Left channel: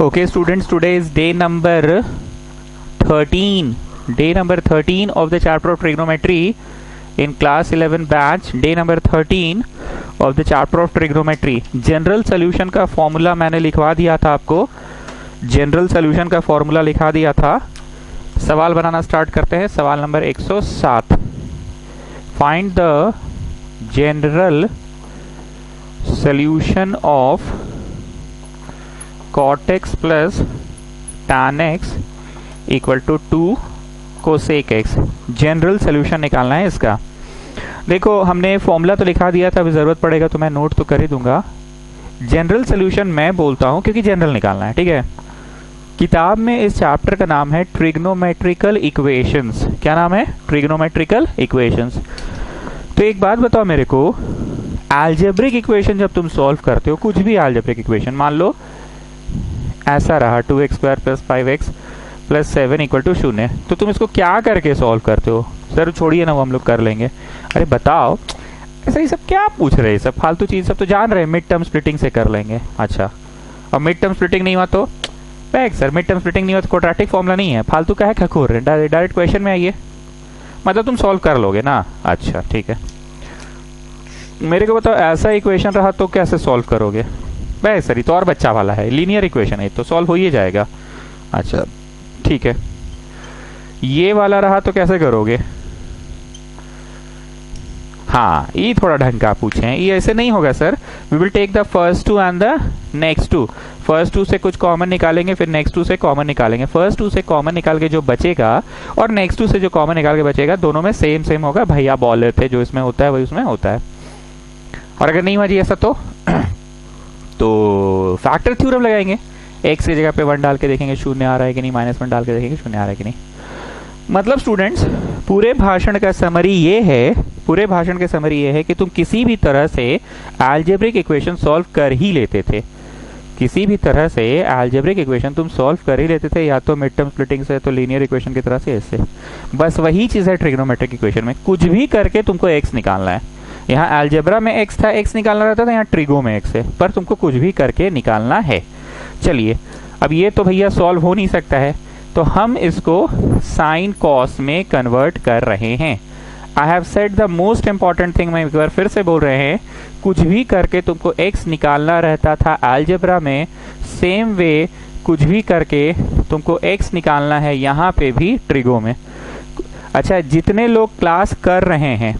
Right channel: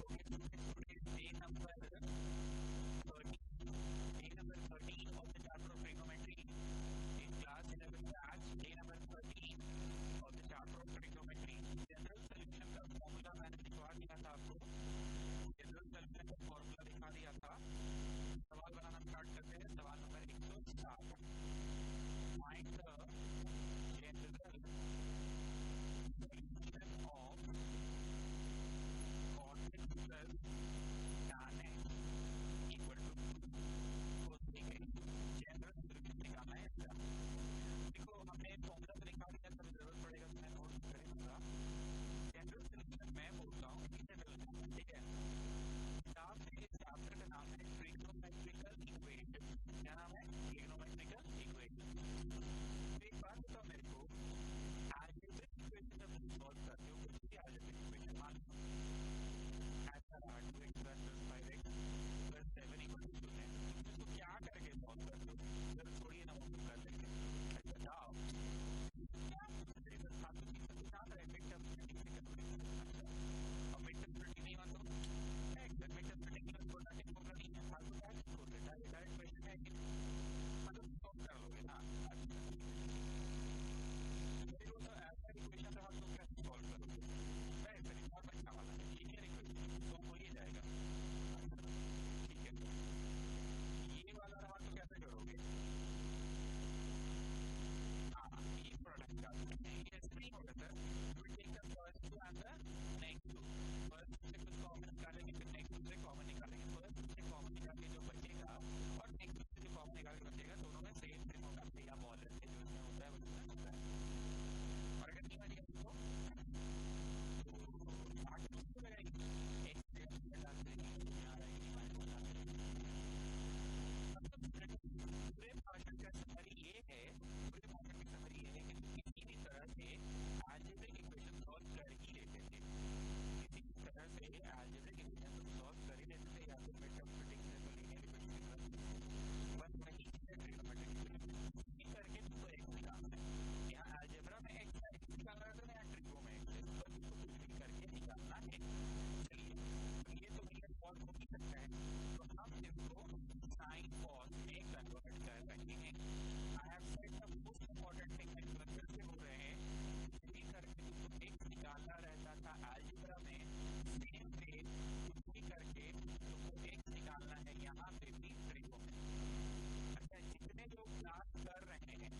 Okay, students, today is day number 13. Day number 13 of the chapter of trigonometry in class 11 batch. Day number 13 of the chapter of trigonometry. General solution का formula मैंने लिखवा दिया था आपको. General solution का formula लिखा दिया था. सवाल बनाना स्टार्ट करते हैं. सवाल number 107. Find the general solution of cot x plus tan x equal to 2 cosec x. General solution निकालना है इसका. देखो, हमने फॉर्मूला तो लिखा दिया था, अभी जरूरत पड़ेगा तो मैं नोट तो कर ही दूंगा. जनरल सोल्यूशन मैं बोलता हूं क्योंकि जनरल निकालना है, ठीक है. किताब में इस चैप्टर का नाम है ट्रिग्नोमेट्रिकल इक्वेशंस. क्या नाम है? Trigonometrical equations. तो एक बात बताओ मेरे को, अलजेब्रिक इक्वेशन जब तुम सॉल्व करते हो, कुछ भी अलजेब्रिक इक्वेशन, मान लो ऐसा रहा 2x स्क्वायर प्लस 5x प्लस 7 इक्वल टू 0, तो तुम इसको क्या करके सॉल्व करते हो? सर छोड़िए ना, वो हम लोग कर लेंगे. अरे बताओ, ऐसा ये सब क्या पूछ रहे हैं? सब फालतू चीज सब तो जान रहे हैं. मिड टर्म स्प्लिटिंग से कर लेंगे. अच्छा, और मिड टर्म स्प्लिटिंग नहीं हुआ तो bag sir, mid term splitting नहीं हुआ तो क्वाड्रेटिक फॉर्मूला नहीं है. फालतू का है, खखोर रहे. डायरेक्ट क्वेश्चन में आइए. मतलब तुम सॉल्व कर लोगे ना? अच्छा ठीक है. मेरे को बताओ, ऐसा इक्वेशन रहा तो कैसे सॉल्व करोगे? भाई सर, ये तो और बच्चा वाला है, लीनियर इक्वेशन है, तो सॉल्व हो ही जाएगा. अच्छा ठीक है. ये वाला रहा तो कैसे करोगे? हाँ, ये थोड़ा ढंग का पूछे हैं. ये ऐसे नहीं होगा sir. We will take the first two and the next two. First two से कुछ कॉमन निकालेंगे, फिर नेक्स्ट टू से कॉमन निकालेंगे. फर्स्ट टू से कॉमन निकाल के जो बचेगा और नेक्स्ट टू से जो कॉमन निकाल के बचेगा, दोनों में सेम सेम होगा. भैया बोल रहे थे जो इसमें होता है वही उसमें होता है. और अगर नहीं हुआ जी ऐसा तो फैक्टर थ्योरम लगाएंगे. x की जगह पे 1 डाल के देखेंगे शून्य आ रहा है कि नहीं, -1 डाल के देखेंगे शून्य आ रहा है कि नहीं. मतलब स्टूडेंट्स, पूरे भाषण का समरी ये है कि तुम किसी भी तरह से अलजेब्रिक इक्वेशन सॉल्व कर ही लेते थे. किसी भी तरह से अलजेब्रिक इक्वेशन तुम सॉल्व कर ही लेते थे, या तो मिड टर्म स्प्लिटिंग से, तो लीनियर इक्वेशन की तरह से ऐसे. बस वही चीज है ट्रिग्नोमेट्रिक इक्वेशन में. कुछ भी करके तुमको x निकालना है. यहाँ अलजेब्रा में x था, x निकालना रहता था. यहाँ ट्रिगो में x है, पर तुमको कुछ भी करके निकालना है. चलिए, अब ये तो भैया सॉल्व हो नहीं सकता है, तो हम इसको साइन कॉस में कन्वर्ट कर रहे हैं. आई have said the most important thing. मैं एक बार फिर से बोल रहे हैं, कुछ भी करके तुमको x निकालना रहता था अलजेब्रा में, सेम वे कुछ भी करके तुमको x निकालना है यहाँ पे भी ट्रिगो में. अच्छा, जितने लोग क्लास कर रहे हैं,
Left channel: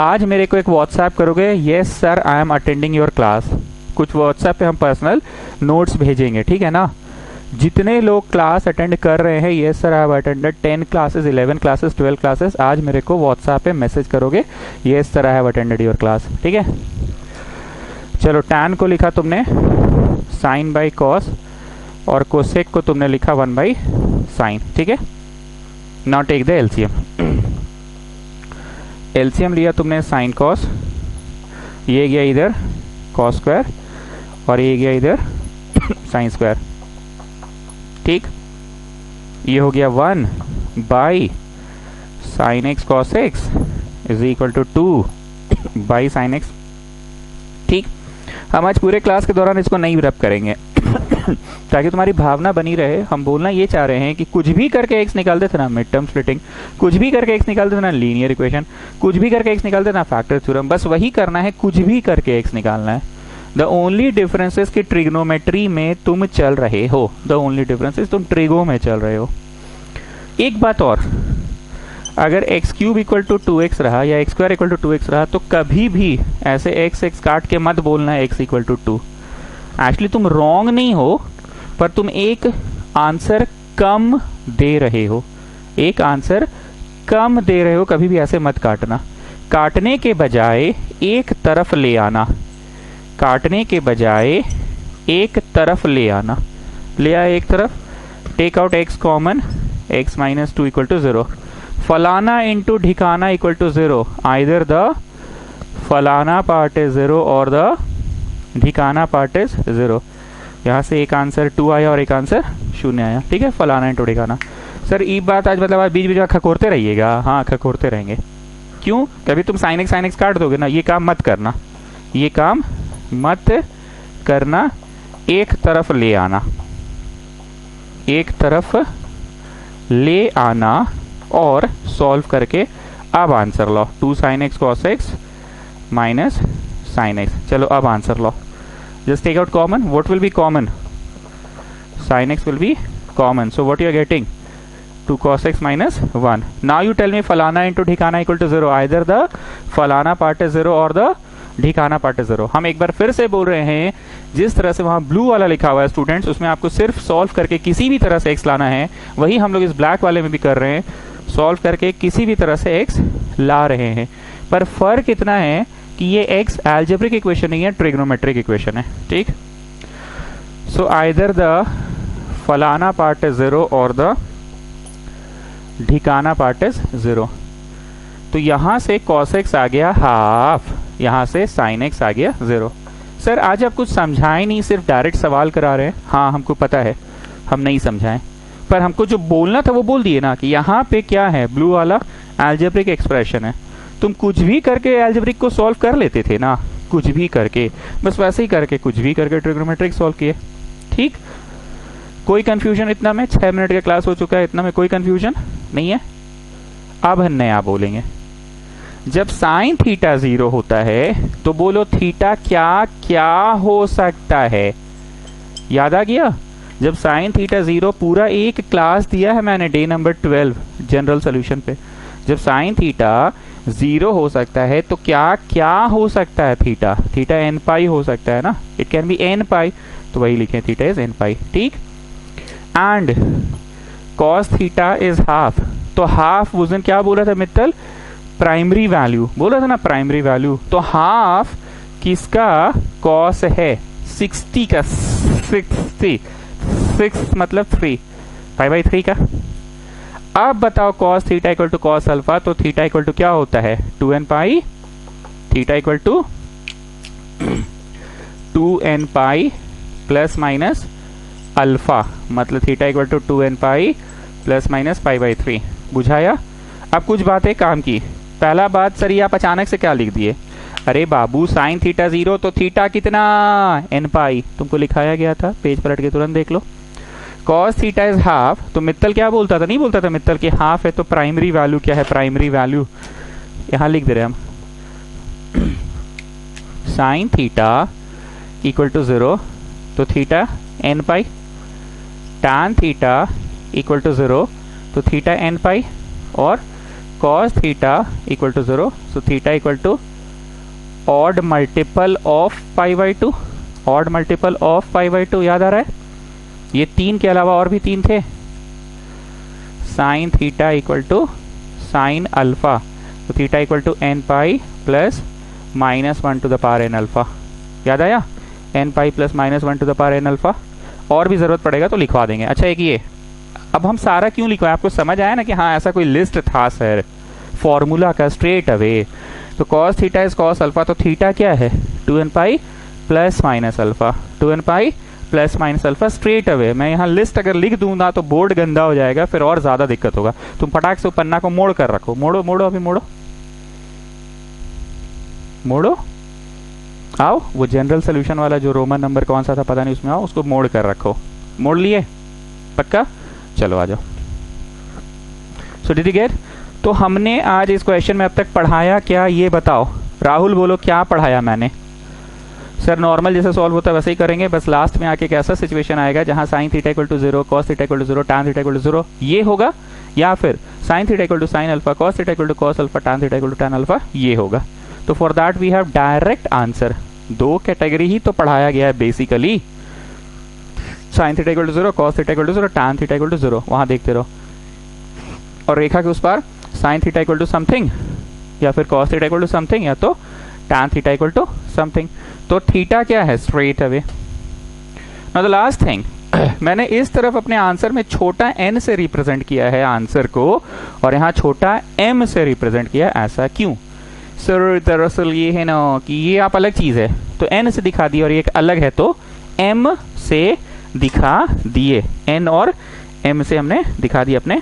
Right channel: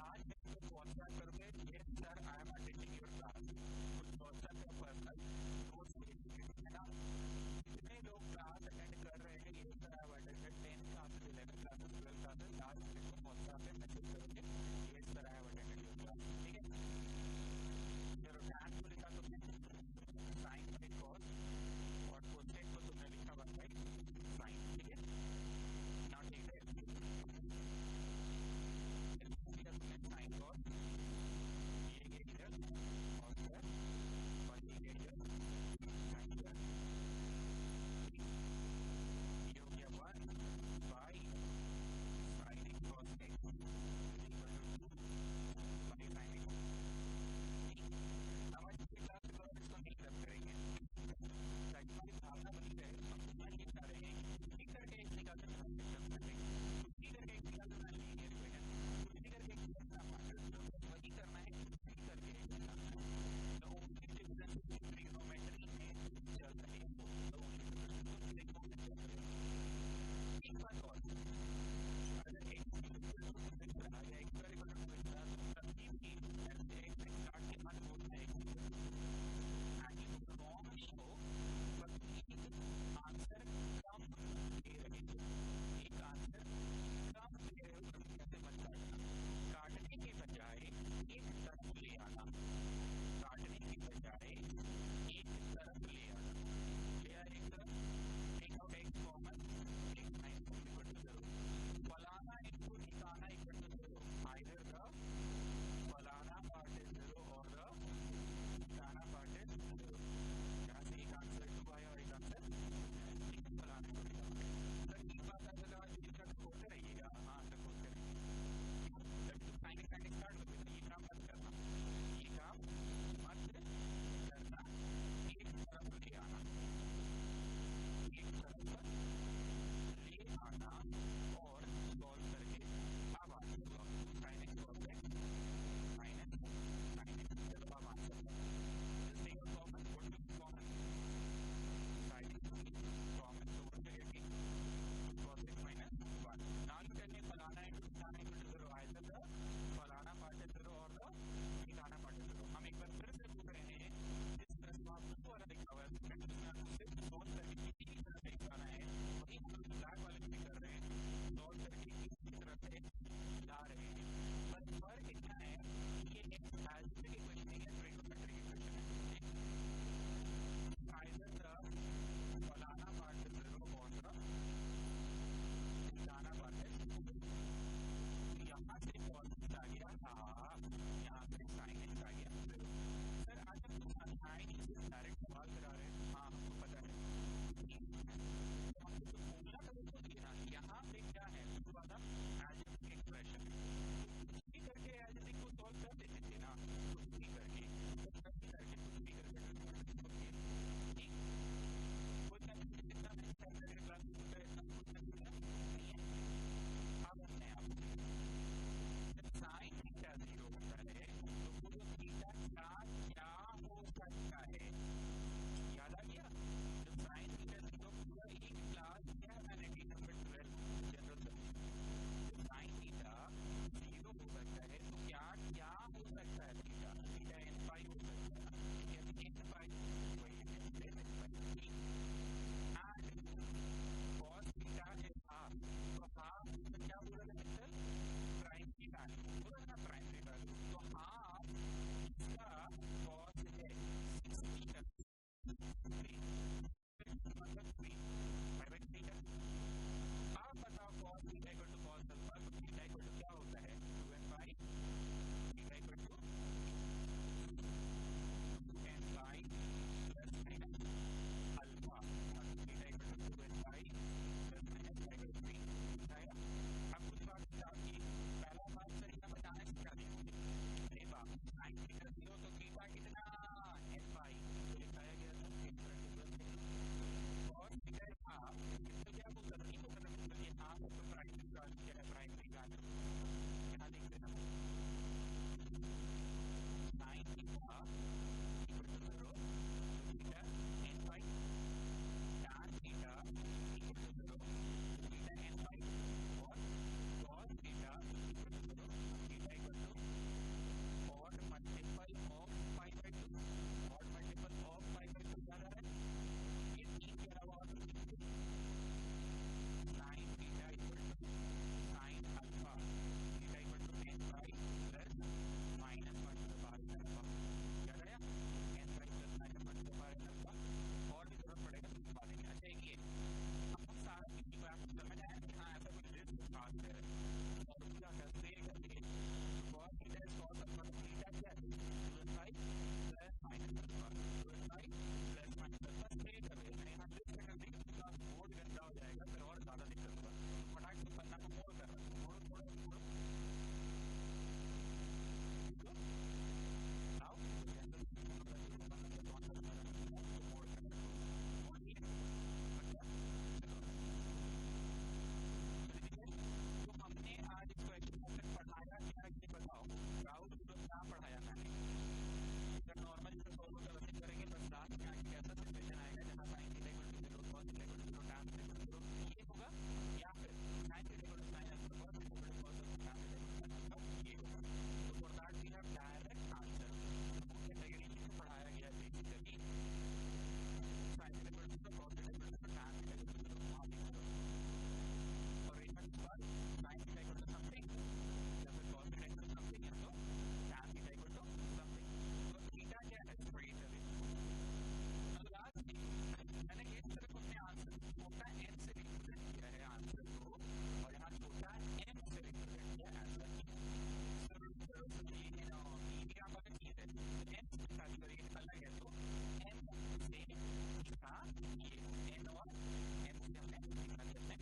आज मेरे को एक व्हाट्सएप करोगे, yes sir I am attending your class. कुछ व्हाट्सएप पे हम पर्सनल नोट्स भेजेंगे, ठीक है ना. जितने लोग क्लास अटेंड कर रहे हैं, yes sir I have attended 10 classes, 11 classes, 12 classes, आज मेरे को व्हाट्सएप पे मैसेज करोगे, yes sir I have attended your class. ठीक है. चलो, टैन को लिखा तुमने साइन बाई कॉस, और कोसेक को तुमने लिखा 1 बाई साइन. ठीक है. Now take the LCM. LCM लिया तुमने साइन कॉस, ये गया इधर कॉस स्क्वायर, और ये गया इधर साइन स्क्वायर. ठीक. ये हो गया 1 by sine x cos x is equal to 2 by sine x. ठीक. हम आज पूरे क्लास के दौरान इसको नहीं रब करेंगे ताकि तुम्हारी भावना बनी रहे. हम बोलना ये चाह रहे हैं कि कुछ भी करके x निकालते थे ना मिड टर्म स्प्लिटिंग, कुछ भी करके x निकालते थे ना लीनियर इक्वेशन, कुछ भी करके x निकालते थे ना फैक्टर थ्योरम. बस वही करना है, कुछ भी करके x निकालना है. द ओनली डिफरेंसेस कि ट्रिग्नोमेट्री में तुम चल रहे हो, द ओनली डिफरेंसेस तुम ट्रिगो में चल रहे हो. एक बात और, अगर x cube equal to 2x रहा या x square equal to 2x रहा, तो कभी भी ऐसे x काट के मत बोलना है x इक्वल टू 2. एक्चुअली तुम रॉन्ग नहीं हो, पर तुम एक आंसर कम दे रहे हो. एक आंसर कम दे रहे हो. कभी भी ऐसे मत काटना. काटने के बजाय एक तरफ ले आना. काटने के बजाय एक तरफ ले आना. ले आए एक तरफ. Take out x common, x minus 2 equal to 0. फलाना इंटू ढिकाना इक्वल टू 0. आइदर द फलाना पार्ट इज 0 और द ढिकाना पार्ट इज 0. यहाँ से एक आंसर 2 आया और एक आंसर 0 आया. ठीक है. फलाना इंटू ढिकाना. सर ये बात आज मतलब आज बीच बीच में खकोरते रहिएगा. हाँ, खकोरते रहेंगे. क्यों? कभी तुम साइन एक्स काट दोगे ना. ये काम मत करना, ये काम मत करना. एक तरफ ले आना. एक तरफ ले आना और सॉल्व करके अब आंसर लो। 2 sin x cos x minus sin x। चलो अब आंसर लो। Just take out common. What will be common? sin x will be common. So what you are getting? 2 cos x minus 1. Now you tell me falana into dhikana equal to 0. Either the falana part is 0 or the ढिकाना part है 0। हम एक बार फिर से बोल रहे हैं, जिस तरह से वहां ब्लू वाला लिखा हुआ है स्टूडेंट्स, उसमें आपको सिर्फ सॉल्व करके किसी भी तरह से x लाना है। वही हम लोग इस ब्लैक वाले में भी कर रहे हैं, सॉल्व करके किसी भी तरह से x ला रहे हैं। पर फर्क इतना है कि ये x एल्जेब्रिक इक्वेशन नहीं है, ट्रिग्नोमेट्रिक इक्वेशन है। ठीक, सो आइदर द फलाना पार्ट इज 0 और द ढिकाना पार्ट इज 0। तो यहां से cos x आ गया हाफ, यहां से sin x आ गया 0। सर आज आप कुछ समझाए नहीं, सिर्फ डायरेक्ट सवाल करा रहे हैं। हाँ हमको पता है हम नहीं समझाएं, पर हमको जो बोलना था वो बोल दिए ना कि यहाँ पे क्या है, ब्लू वाला एल्जेब्रिक एक्सप्रेशन है। तुम कुछ भी करके एल्जेब्रिक को सॉल्व कर लेते थे ना, कुछ भी करके, बस वैसे ही करके कुछ भी करके ट्रिग्नोमेट्रिक सॉल्व किए। ठीक, कोई कंफ्यूजन इतना में? 6 मिनट का क्लास हो चुका है, इतना में कोई कंफ्यूजन नहीं है। अब हम नया बोलेंगे। जब साइन थीटा 0 होता है तो बोलो थीटा क्या क्या हो सकता है? याद आ गया? जब साइन थीटा 0, पूरा एक क्लास दिया है मैंने डे नंबर 12 जनरल सॉल्यूशन पे। जब साइन थीटा 0 हो सकता है तो क्या क्या हो सकता है? थीटा, थीटा एन पाई हो सकता है ना, इट कैन बी एन पाई, तो वही लिखें थीटा इज एन पाई। ठीक, and cos theta is half. तो हाफ उस दिन क्या बोला था मित्तल? प्राइमरी वैल्यू बोला था ना, प्राइमरी वैल्यू। तो हाफ किसका? कॉस है 60 का, 6 मतलब 3, 5/3 का। अब बताओ cos theta equal to cos alpha, तो थीटा इक्वल टू क्या होता है? 2n pi. Theta equal to 2n pi plus minus alpha, मतलब theta equal to 2n pi plus minus 5/3। बुझाया? अब कुछ बातें काम की। पहला बात, सर ये आप अचानक से क्या लिख दिए? अरे बाबू साइन थीटा 0 तो थीटा कितना? n पाई, तुमको लिखाया गया था, पेज पलट के तुरंत देख लो। कॉस थीटा इज हाफ, तो मित्तल क्या बोलता था? नहीं बोलता था मित्तल कि हाफ है तो प्राइमरी वैल्यू क्या है? प्राइमरी वैल्यू यहां लिख दे रहे हम, साइन थीटा इक्वल टू 0 तो theta n pi, tan theta equal to 0 तो थीटा n पाई, और cos theta equal to 0 so theta equal to odd multiple of π/2, odd multiple of π/2। याद आ रहा है? ये 3 के अलावा और भी 3 थे। Sine theta equal to sine alpha, तो theta equal to n pi plus minus 1 to the power n alpha. याद आया? n pi plus minus 1 to the power n alpha. और भी जरूरत पड़ेगा तो लिखवा देंगे। अच्छा एक ये, अब हम सारा क्यों लिखवाएं? आपको समझ आया ना कि हाँ ऐसा कोई लिस्ट था सर फॉर्मूला का स्ट्रेट अवे। तो cos theta is cos alpha, तो थीटा क्या है? 2n pi plus minus alpha, 2n pi plus minus alpha straight away. मैं यहाँ लिस्ट अगर लिख दूं ना तो बोर्ड गंदा हो जाएगा, फिर और ज्यादा दिक्कत होगा। तुम फटाक से पन्ना को मोड़ कर रखो। मोड़ो मोड़ो, अभी मोड़ो मोड़ो, आओ वो जनरल सोल्यूशन वाला जो रोमन नंबर कौन सा था पता नहीं, उसमें आओ, उसको मोड़ कर रखो। मोड़ लिए? पक्का? चलो आ जाओ। So did you get? तो हमने आज इस क्वेश्चन में अब तक पढ़ाया क्या, ये बताओ। राहुल बोलो क्या पढ़ाया मैंने? सर नॉर्मल जैसे सॉल्व होता है वैसे ही करेंगे, बस लास्ट में आके एक ऐसा सिचुएशन आएगा जहां sine theta equal to 0, cos theta equal to 0, tan theta equal to 0 ये होगा, या फिर sine theta equal to sine alpha, cos theta equal to cos alpha, tan theta equal to tan alpha ये होगा। तो for that we have direct answer. 2 category ही तो पढ़ाया गया है basically, sine theta equal to 0, cos theta equal to 0, tan theta equal to 0, वहां देखते रहो। और रेखा के उस पार sine theta equal to something, या फिर cos theta equal to something, या तो tan theta equal to something. तो थीटा क्या है? Straight away. Now the last thing, मैंने इस तरफ अपने आंसर में छोटा n से रिप्रेजेंट किया है आंसर को, और यहाँ छोटा m से रिप्रेजेंट किया है। ऐसा क्यों? सर दरअसल ये है ना कि ये आप अलग चीज है तो n से दिखा दिया, और ये एक अलग है तो m से दिखा दिए। n और m से हमने दिखा दिया अपने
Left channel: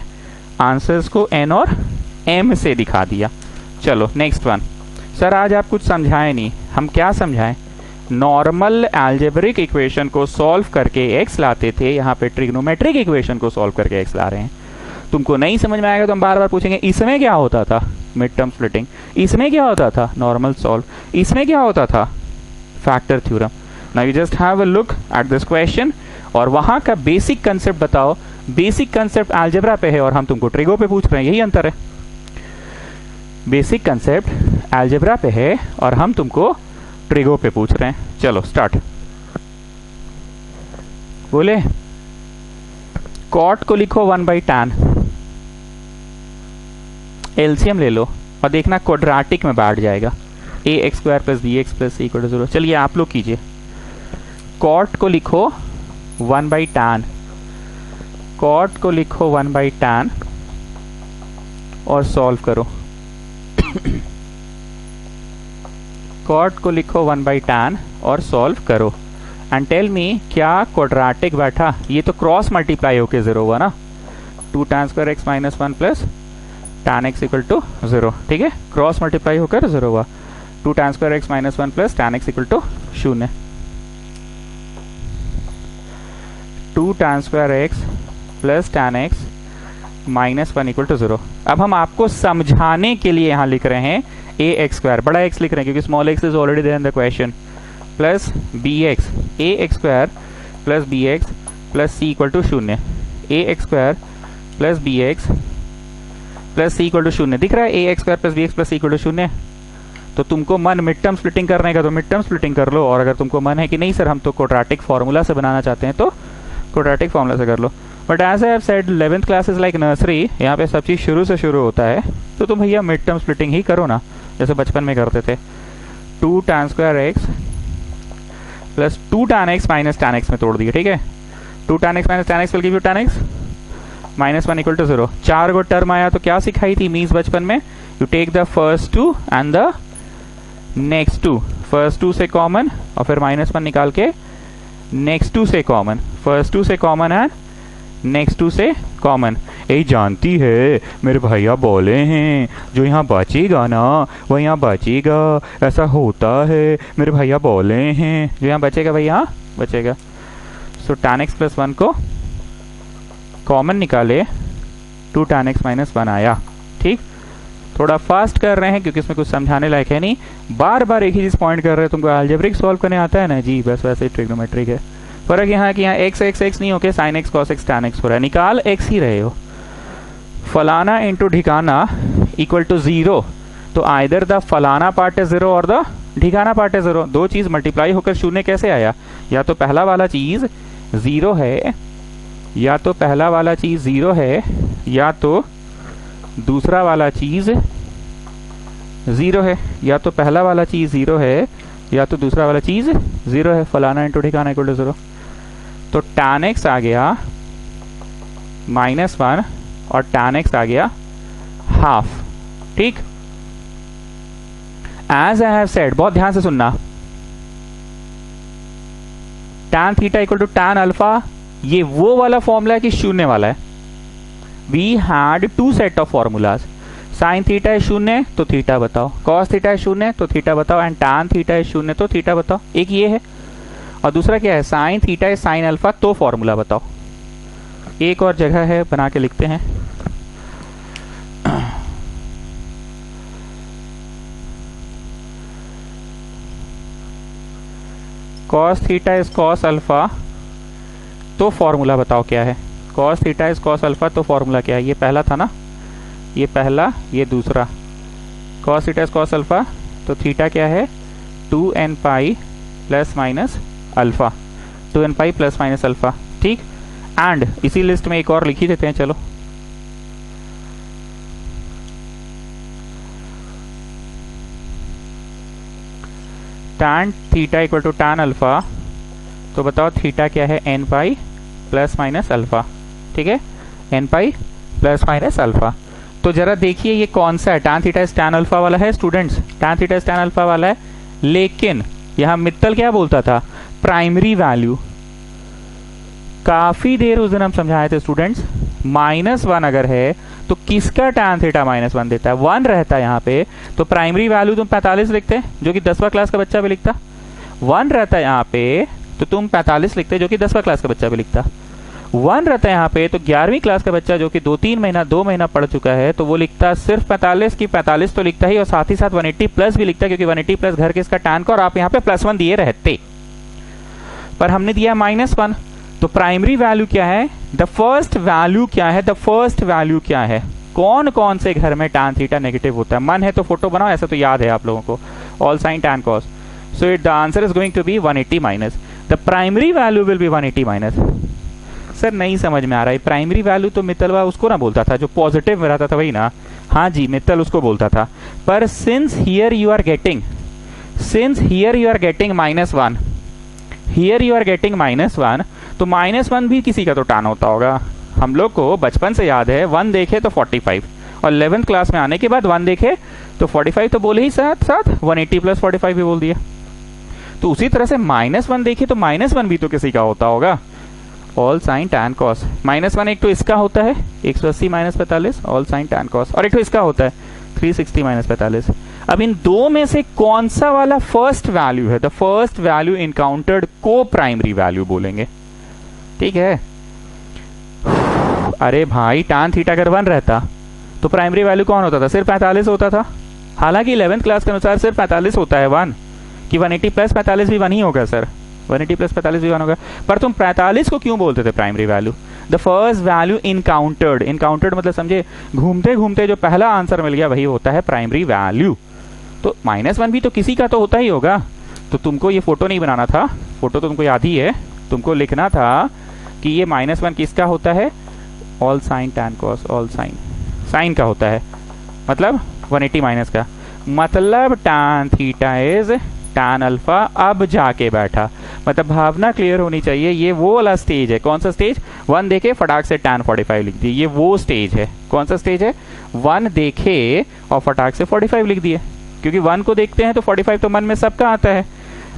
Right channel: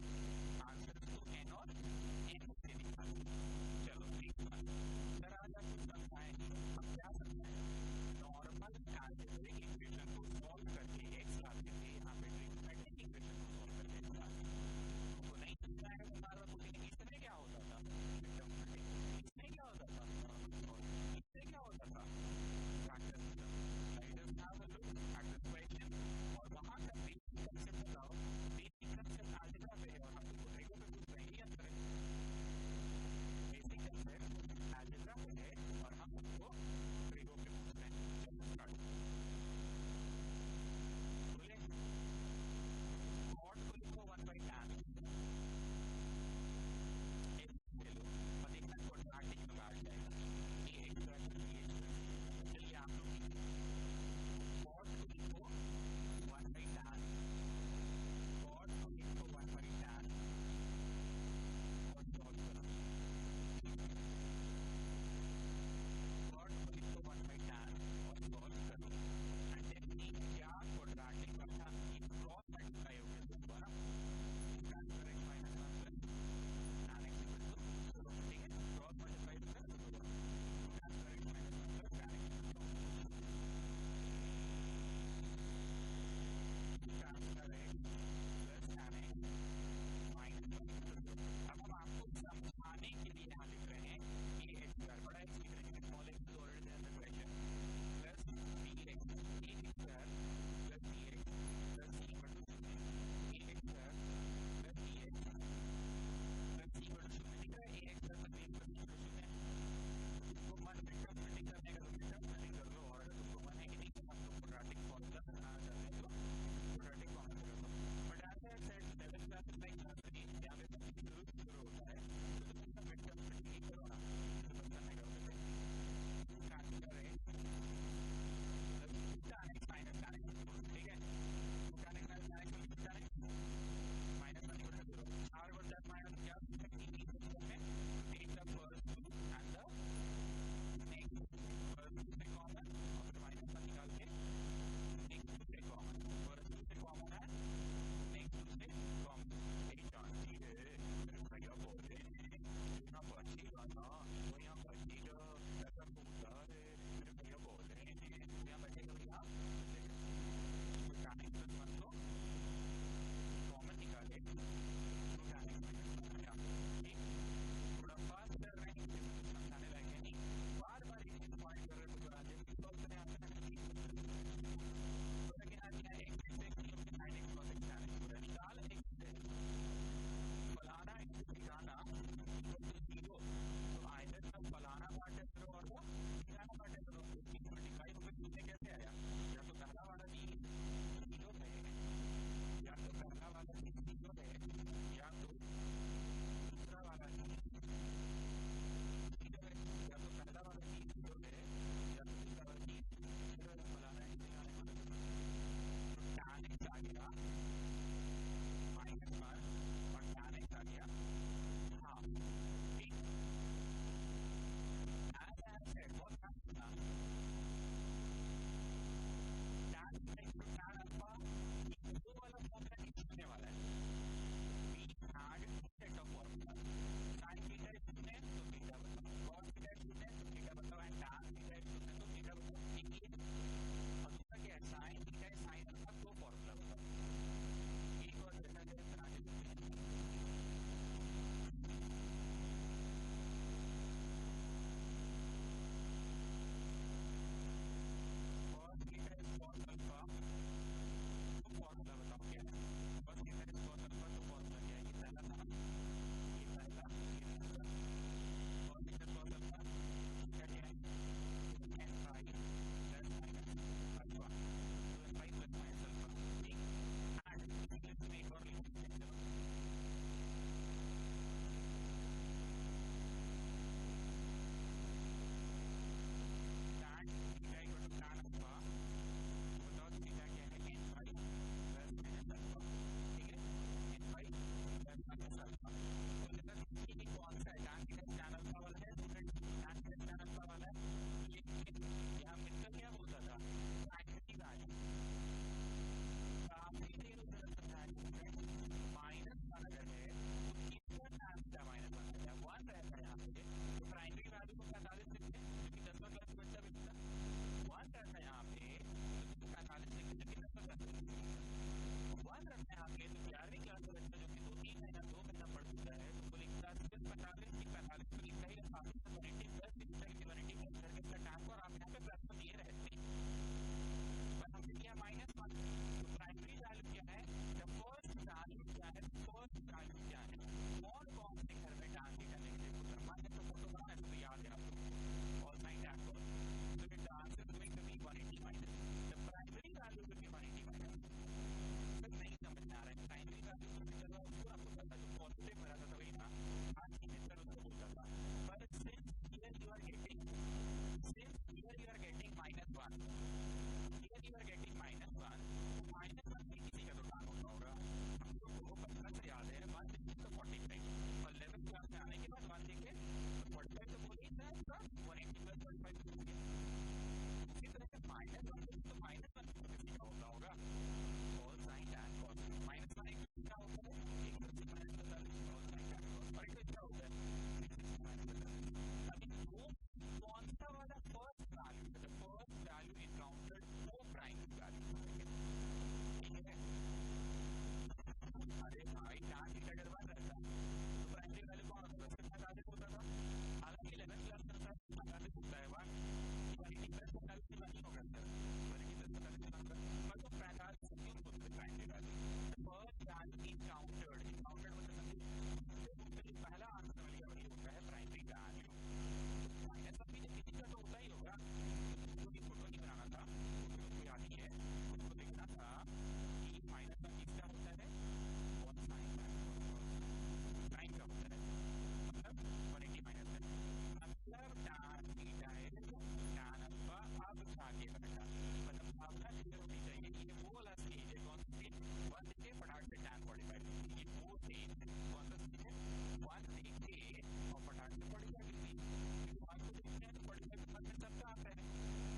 आंसर्स को, n और m से दिखा दिया। चलो नेक्स्ट वन। सर आज आप कुछ समझाए नहीं, हम क्या समझाएं? नॉर्मल अलजेब्रिक इक्वेशन को सॉल्व करके x लाते थे, यहाँ पे ट्रिग्नोमेट्रिक इक्वेशन को सॉल्व करके x ला रहे हैं। तुमको नहीं समझ में आएगा तो हम बार बार पूछेंगे इसमें क्या होता था, मिड टर्म स्प्लिटिंग, इसमें क्या होता था, नॉर्मल सॉल्व, इसमें क्या होता था, factor theorem. Now you just have a look at this question और वहां का बेसिक कंसेप्ट बताओ। बेसिक कंसेप्ट अलजेब्रा पे है और हम तुमको ट्रिगो पे पूछ रहे हैं, यही अंतर है। बेसिक कंसेप्ट अलजेब्रा पे है और हम तुमको ट्रिगो पे पूछ रहे हैं। चलो स्टार्ट। बोले कॉट को लिखो 1/tan, एलसीएम ले लो और देखना क्वाड्रेटिक में बैठ जाएगा, ax² + bx + c = 0। चलिए आप लोग कीजिए। कॉट को लिखो 1/tan, कॉट को लिखो 1/tan और सॉल्व करो। कॉट को लिखो 1/tan और सॉल्व करो एंड टेल मी क्या क्वाड्रेटिक बैठा। ये तो क्रॉस मल्टीप्लाई होके 0 हुआ ना, 2tan² x - 1 + tan x = 0। ठीक है, क्रॉस मल्टीप्लाई होकर 0 हुआ। 2tan² x - 1 + tan x = 0। 2tan² x + tan x - 1 = 0। अब हम आपको समझाने के लिए यहां लिख रहे हैं ax², बड़ा x लिख रहे हैं क्योंकि small x is already there in the question, plus bx, ax² + bx + c = 0। ax² + bx + c = 0 दिख रहा है, ax² + bx + c = 0। तो तुमको मन मिड टर्म स्प्लिटिंग करने का तो मिड टर्म स्प्लिटिंग कर लो, और अगर तुमको मन है कि नहीं सर हम तो क्वाड्रेटिक फार्मूला से बनाना चाहते हैं तो क्वाड्रेटिक फार्मूला से कर लो। But as I have said 11th class is like nursery, यहाँ पे सब चीज़ शुरू से शुरू होता है, तो तुम भैया मिड टर्म स्प्लिटिंग ही करो ना, जैसे बचपन में करते थे। 2tan² x + 2tan x - tan x में तोड़ दिए। ठीक है, 2tan x - tan x will give you tan x - 1 = 0। 4 गो टर्म आया तो क्या सिखाई थी मीन्स बचपन में, you take the first 2 and the next 2, first 2 से कॉमन और फिर -1 निकाल के नेक्स्ट 2 से कॉमन, फर्स्ट 2 से कॉमन एंड नेक्स्ट 2 से कॉमन। यही जानती है मेरे भैया बोले हैं जो यहाँ बचेगा ना वो यहाँ बचेगा, ऐसा होता है मेरे भैया बोले हैं, जो यहाँ बचेगा वही यहाँ बचेगा। सो tan x + 1 को कॉमन निकाले, 2tan x - 1 आया। ठीक, थोड़ा फास्ट कर रहे हैं क्योंकि इसमें कुछ समझाने लायक है नहीं, बार बार एक ही चीज पॉइंट कर रहे हैं। तुमको अलजेब्रिक सॉल्व करने आता है ना जी, बस वैसे ही ट्रिग्नोमेट्रिक है। फर्क यहाँ है कि यहाँ x नहीं होके sin x cos x tan x हो रहा है, निकाल x ही रहे हो। फलाना इंटू ढिकाना = 0, तो आइदर द फलाना पार्ट है 0 और द ढिकाना पार्ट है 0। दो चीज मल्टीप्लाई होकर 0 कैसे आया, या तो पहला वाला चीज 0 है, या तो पहला वाला चीज 0 है, या तो दूसरा वाला चीज 0 है, या तो पहला वाला चीज 0 है या तो दूसरा वाला चीज 0 है। फलाना इंटू ढिकाना = 0, तो tan x आ गया -1 और tan x आ गया हाफ। ठीक, एज आई हैव सेड, बहुत ध्यान से सुनना, tan थीटा = tan अल्फा, ये वो वाला फॉर्मूला है कि शून्य वाला है। We had 2 set of formulas, sine theta है 0 तो थीटा बताओ, कॉस थीटा है 0 तो थीटा बताओ, एंड tan थीटा है 0 तो थीटा बताओ। एक ये है और दूसरा क्या है, साइन थीटा है साइन अल्फा तो फॉर्मूला बताओ। एक और जगह है बना के लिखते हैं, cos theta is cos alpha तो फॉर्मूला बताओ क्या है। Cos theta is cos alpha तो फॉर्मूला क्या है, ये पहला था ना, ये पहला, ये दूसरा। Cos theta is cos alpha तो थीटा क्या है, 2n पाई ± अल्फा, 2n पाई ± अल्फा। ठीक, एंड इसी लिस्ट में एक और लिख ही देते हैं, चलो tan थीटा = tan अल्फा, तो बताओ थीटा क्या है, n पाई ± अल्फा। ठीक है, n पाई ± अल्फा। तो जरा देखिए ये कौन सा है, tan theta is tan alpha वाला है students, tan theta is tan alpha वाला है, लेकिन यहां मित्तल क्या बोलता था, प्राइमरी वैल्यू। काफी देर उस दिन हम समझाए थे स्टूडेंट्स, -1 अगर है तो किसका tan थीटा -1 देता है, 1 रहता है यहाँ पे, तो प्राइमरी वैल्यू तुम 45 लिखते, जो कि 10वां क्लास का बच्चा भी लिखता। 1 रहता है यहाँ पे तो तुम 45 लिखते, जो कि 10वां क्लास का बच्चा भी लिखता। 1 रहता है यहाँ पे तो 11वीं क्लास का बच्चा जो कि 2 महीना पढ़ चुका है तो वो लिखता सिर्फ 45 की 45 तो लिखता ही, और साथ ही साथ 180 प्लस भी लिखता, क्योंकि 180 प्लस घर के इसका tan का, और आप यहाँ पे +1 दिए रहते, पर हमने दिया -1। तो प्राइमरी वैल्यू क्या है, द फर्स्ट वैल्यू क्या है, द फर्स्ट वैल्यू क्या है, कौन कौन से घर में tan थीटा नेगेटिव होता है। मन है तो फोटो बनाओ, ऐसा तो याद है आप लोगों को, all sine tan cos। So the answer is going to be 180 minus, the primary value will be 180 minus. Sir नहीं समझ में आ रहा है, प्राइमरी वैल्यू तो मित्तलवा उसको ना बोलता था जो पॉजिटिव में रहता था, वही ना। हाँ जी, मित्तल उसको बोलता था, पर since here you are getting -1, here you are getting -1, तो -1 भी किसी का तो tan होता होगा। हम लोग को बचपन से याद है 1 देखे तो 45, और 11th क्लास में आने के बाद 1 देखे तो 45 तो बोले ही साथ साथ 180 प्लस 45 भी बोल दिया। तो उसी तरह से -1 देखे तो -1 भी तो किसी का होता होगा, ऑल साइन tan cos। -1 एक तो इसका होता है 180 - 45 ऑल साइन tan cos, और एक तो इसका होता है 360 - 45। अब इन दो में से कौन सा वाला फर्स्ट वैल्यू है, द फर्स्ट वैल्यू इनकाउंटर्ड को प्राइमरी वैल्यू बोलेंगे, ठीक है। अरे भाई tan थीटा अगर 1 रहता तो प्राइमरी वैल्यू कौन होता था, सिर्फ 45 होता था। हालांकि 11th क्लास के अनुसार सिर्फ 45 होता है 1, कि 180 प्लस 45 भी 1 ही होगा सर, 180 प्लस 45 भी 1 होगा। पर तुम 45 को क्यों बोलते थे primary value, the first value encountered, encountered मतलब समझे, घूमते घूमते जो पहला आंसर मिल गया वही होता है प्राइमरी वैल्यू। तो -1 भी तो किसी का तो होता ही होगा। तो तुमको ये फोटो नहीं बनाना था, फोटो तो तुमको याद ही है, तुमको लिखना था कि ये -1 किसका होता है, all sine tan cos, all sine sine का होता है, मतलब 180 माइनस का, मतलब tan theta is tan alpha. अब जाके बैठा, मतलब भावना क्लियर होनी चाहिए, ये वो वाला स्टेज है। कौन सा स्टेज, 1 देखे फटाक से tan 45 लिख दिए, ये वो स्टेज है। कौन सा स्टेज है, 1 देखे और फटाक से 45 लिख दिए, क्योंकि 1 को देखते हैं तो 45 तो मन में सबका आता है,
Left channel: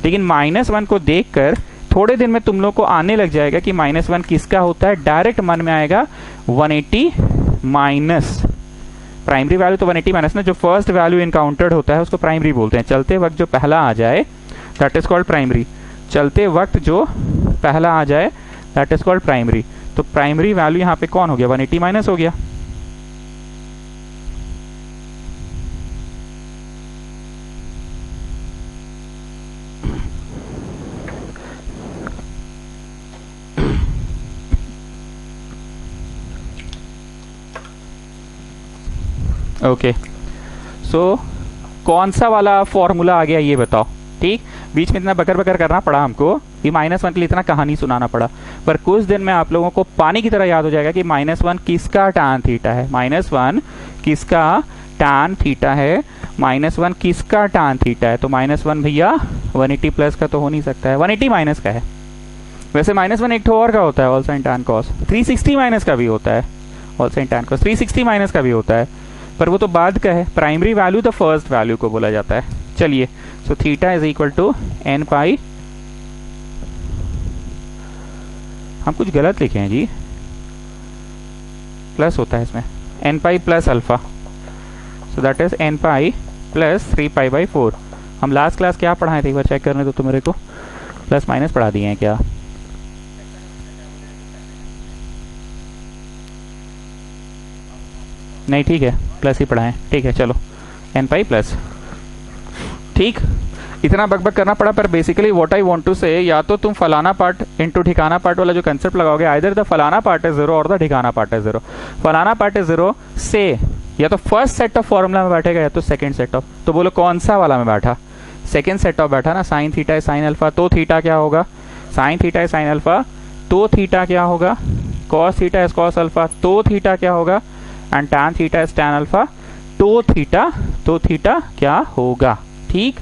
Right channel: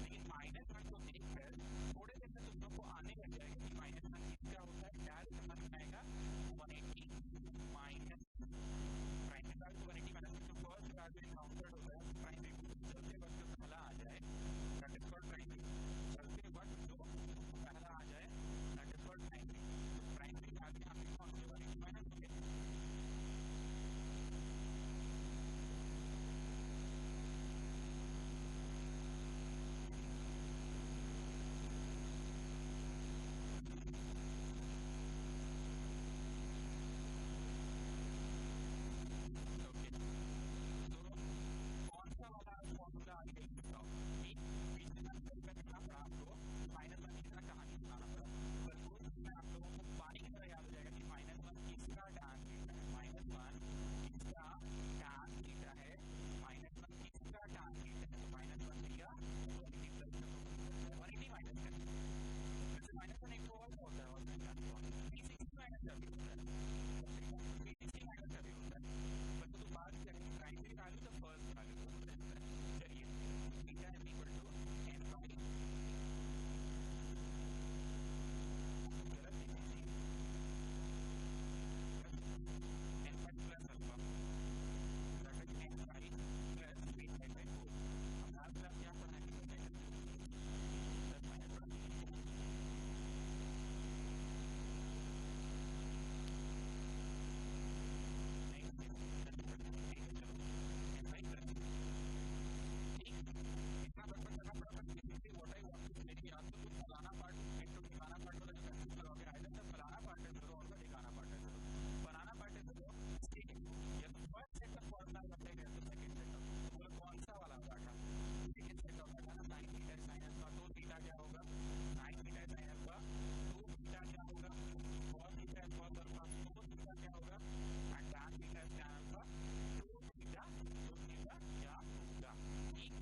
लेकिन -1 को देखकर थोड़े दिन में तुम लोग को आने लग जाएगा कि -1 किसका होता है, डायरेक्ट मन में आएगा 180 माइनस प्राइमरी वैल्यू, तो 180 माइनस ना, जो फर्स्ट वैल्यू इनकाउंटर्ड होता है उसको प्राइमरी बोलते हैं। चलते वक्त जो पहला आ जाए दैट इज कॉल्ड प्राइमरी, चलते वक्त जो पहला आ जाए दैट इज कॉल्ड प्राइमरी। तो प्राइमरी वैल्यू यहाँ पे कौन हो गया, 180 माइनस हो गया। ओके, सो कौन सा वाला फॉर्मूला आ गया ये बताओ, ठीक। बीच में इतना बकर बकर करना पड़ा हमको, ये -1 के लिए इतना कहानी सुनाना पड़ा, पर कुछ दिन में आप लोगों को पानी की तरह याद हो जाएगा कि -1 किसका tan थीटा है, -1 किसका tan थीटा है, -1 किसका tan थीटा है। तो -1 भैया 180 प्लस का तो हो नहीं सकता है, 180 माइनस का है। वैसे -1 एक और का होता है, all sine tan cos, 360 minus का भी होता है, all sine tan cos 360 minus का भी होता है, पर वो तो बाद का है। Primary value the first value को बोला जाता है। चलिए, so theta is equal to n pi, हम कुछ गलत लिखे हैं जी, प्लस होता है इसमें, n pi plus alpha, so that is n pi plus 3π/4। हम लास्ट क्लास क्या पढ़ाए थे, एक बार चेक करने दो तो मेरे को, प्लस माइनस पढ़ा दिए हैं क्या, नहीं ठीक है प्लस ही पढ़ाएं, ठीक है चलो, n पाई प्लस, ठीक। इतना बकबक करना पड़ा, पर basically what I want to say, या तो तुम फलाना पार्ट इनटू ठिकाना पार्ट वाला जो कंसेप्ट लगाओगे, आइदर द फलाना पार्ट इज 0 और द ठिकाना पार्ट इज 0। फलाना पार्ट इज 0 से या तो फर्स्ट सेट ऑफ फॉर्मूला में बैठेगा या तो सेकंड सेट ऑफ, तो बोलो कौन सा वाला में बैठा, सेकंड सेट ऑफ बैठा ना। Sine theta is sine alpha, तो थीटा क्या होगा, sine theta is sine alpha, तो थीटा क्या होगा, cos theta is cos alpha, तो थीटा क्या होगा, and tan theta is tan alpha, तो थीटा क्या होगा, ठीक।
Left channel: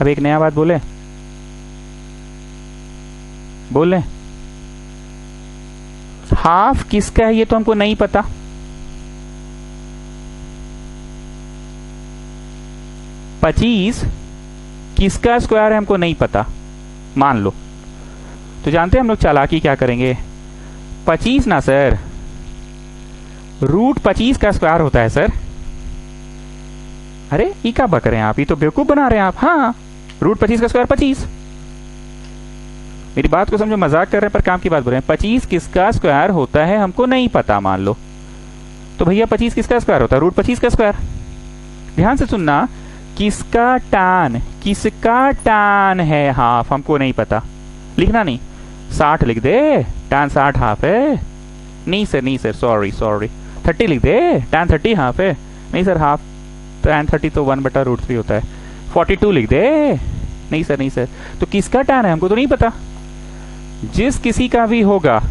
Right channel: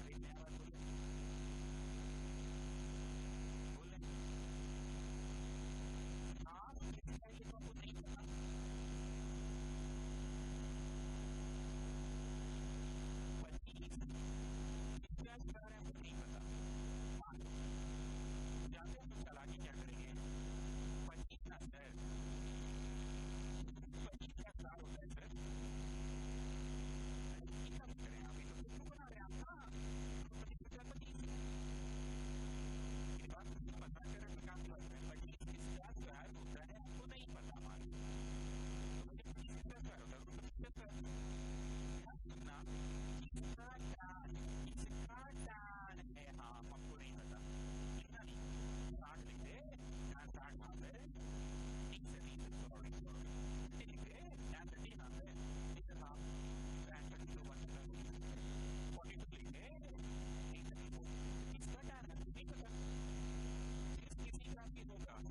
अब एक नया बात बोले, हाफ किसका है ये तो हमको नहीं पता, पच्चीस किसका स्क्वायर है हमको नहीं पता, मान लो। तो जानते हैं हम लोग चालाकी क्या करेंगे, 25 ना सर, √25 का स्क्वायर होता है सर, अरे ये क्या बक रहे हैं आप, ये तो बेवकूफ बना रहे हैं आप। हाँ, रूट 25 का स्क्वायर 25। मेरी बात को समझो, मजाक कर रहे हैं पर काम की बात बोल रहे हैं। 25 किसका स्क्वायर होता है हमको नहीं पता मान लो, तो भैया 25 किसका स्क्वायर होता है? रूट 25 का स्क्वायर। ध्यान से सुनना, किसका टान है हाफ हमको नहीं पता, लिखना नहीं। 60 लिख दे, टान 60 हाफ है। नहीं सर सॉरी 30 लिख दे, टान 30 हाफ है। नहीं सर हाफ, टान 30 तो 1/√3 होता है। 42 लिख दे। नहीं सर तो किसका टान है हमको तो नहीं पता। जिस किसी का भी होगा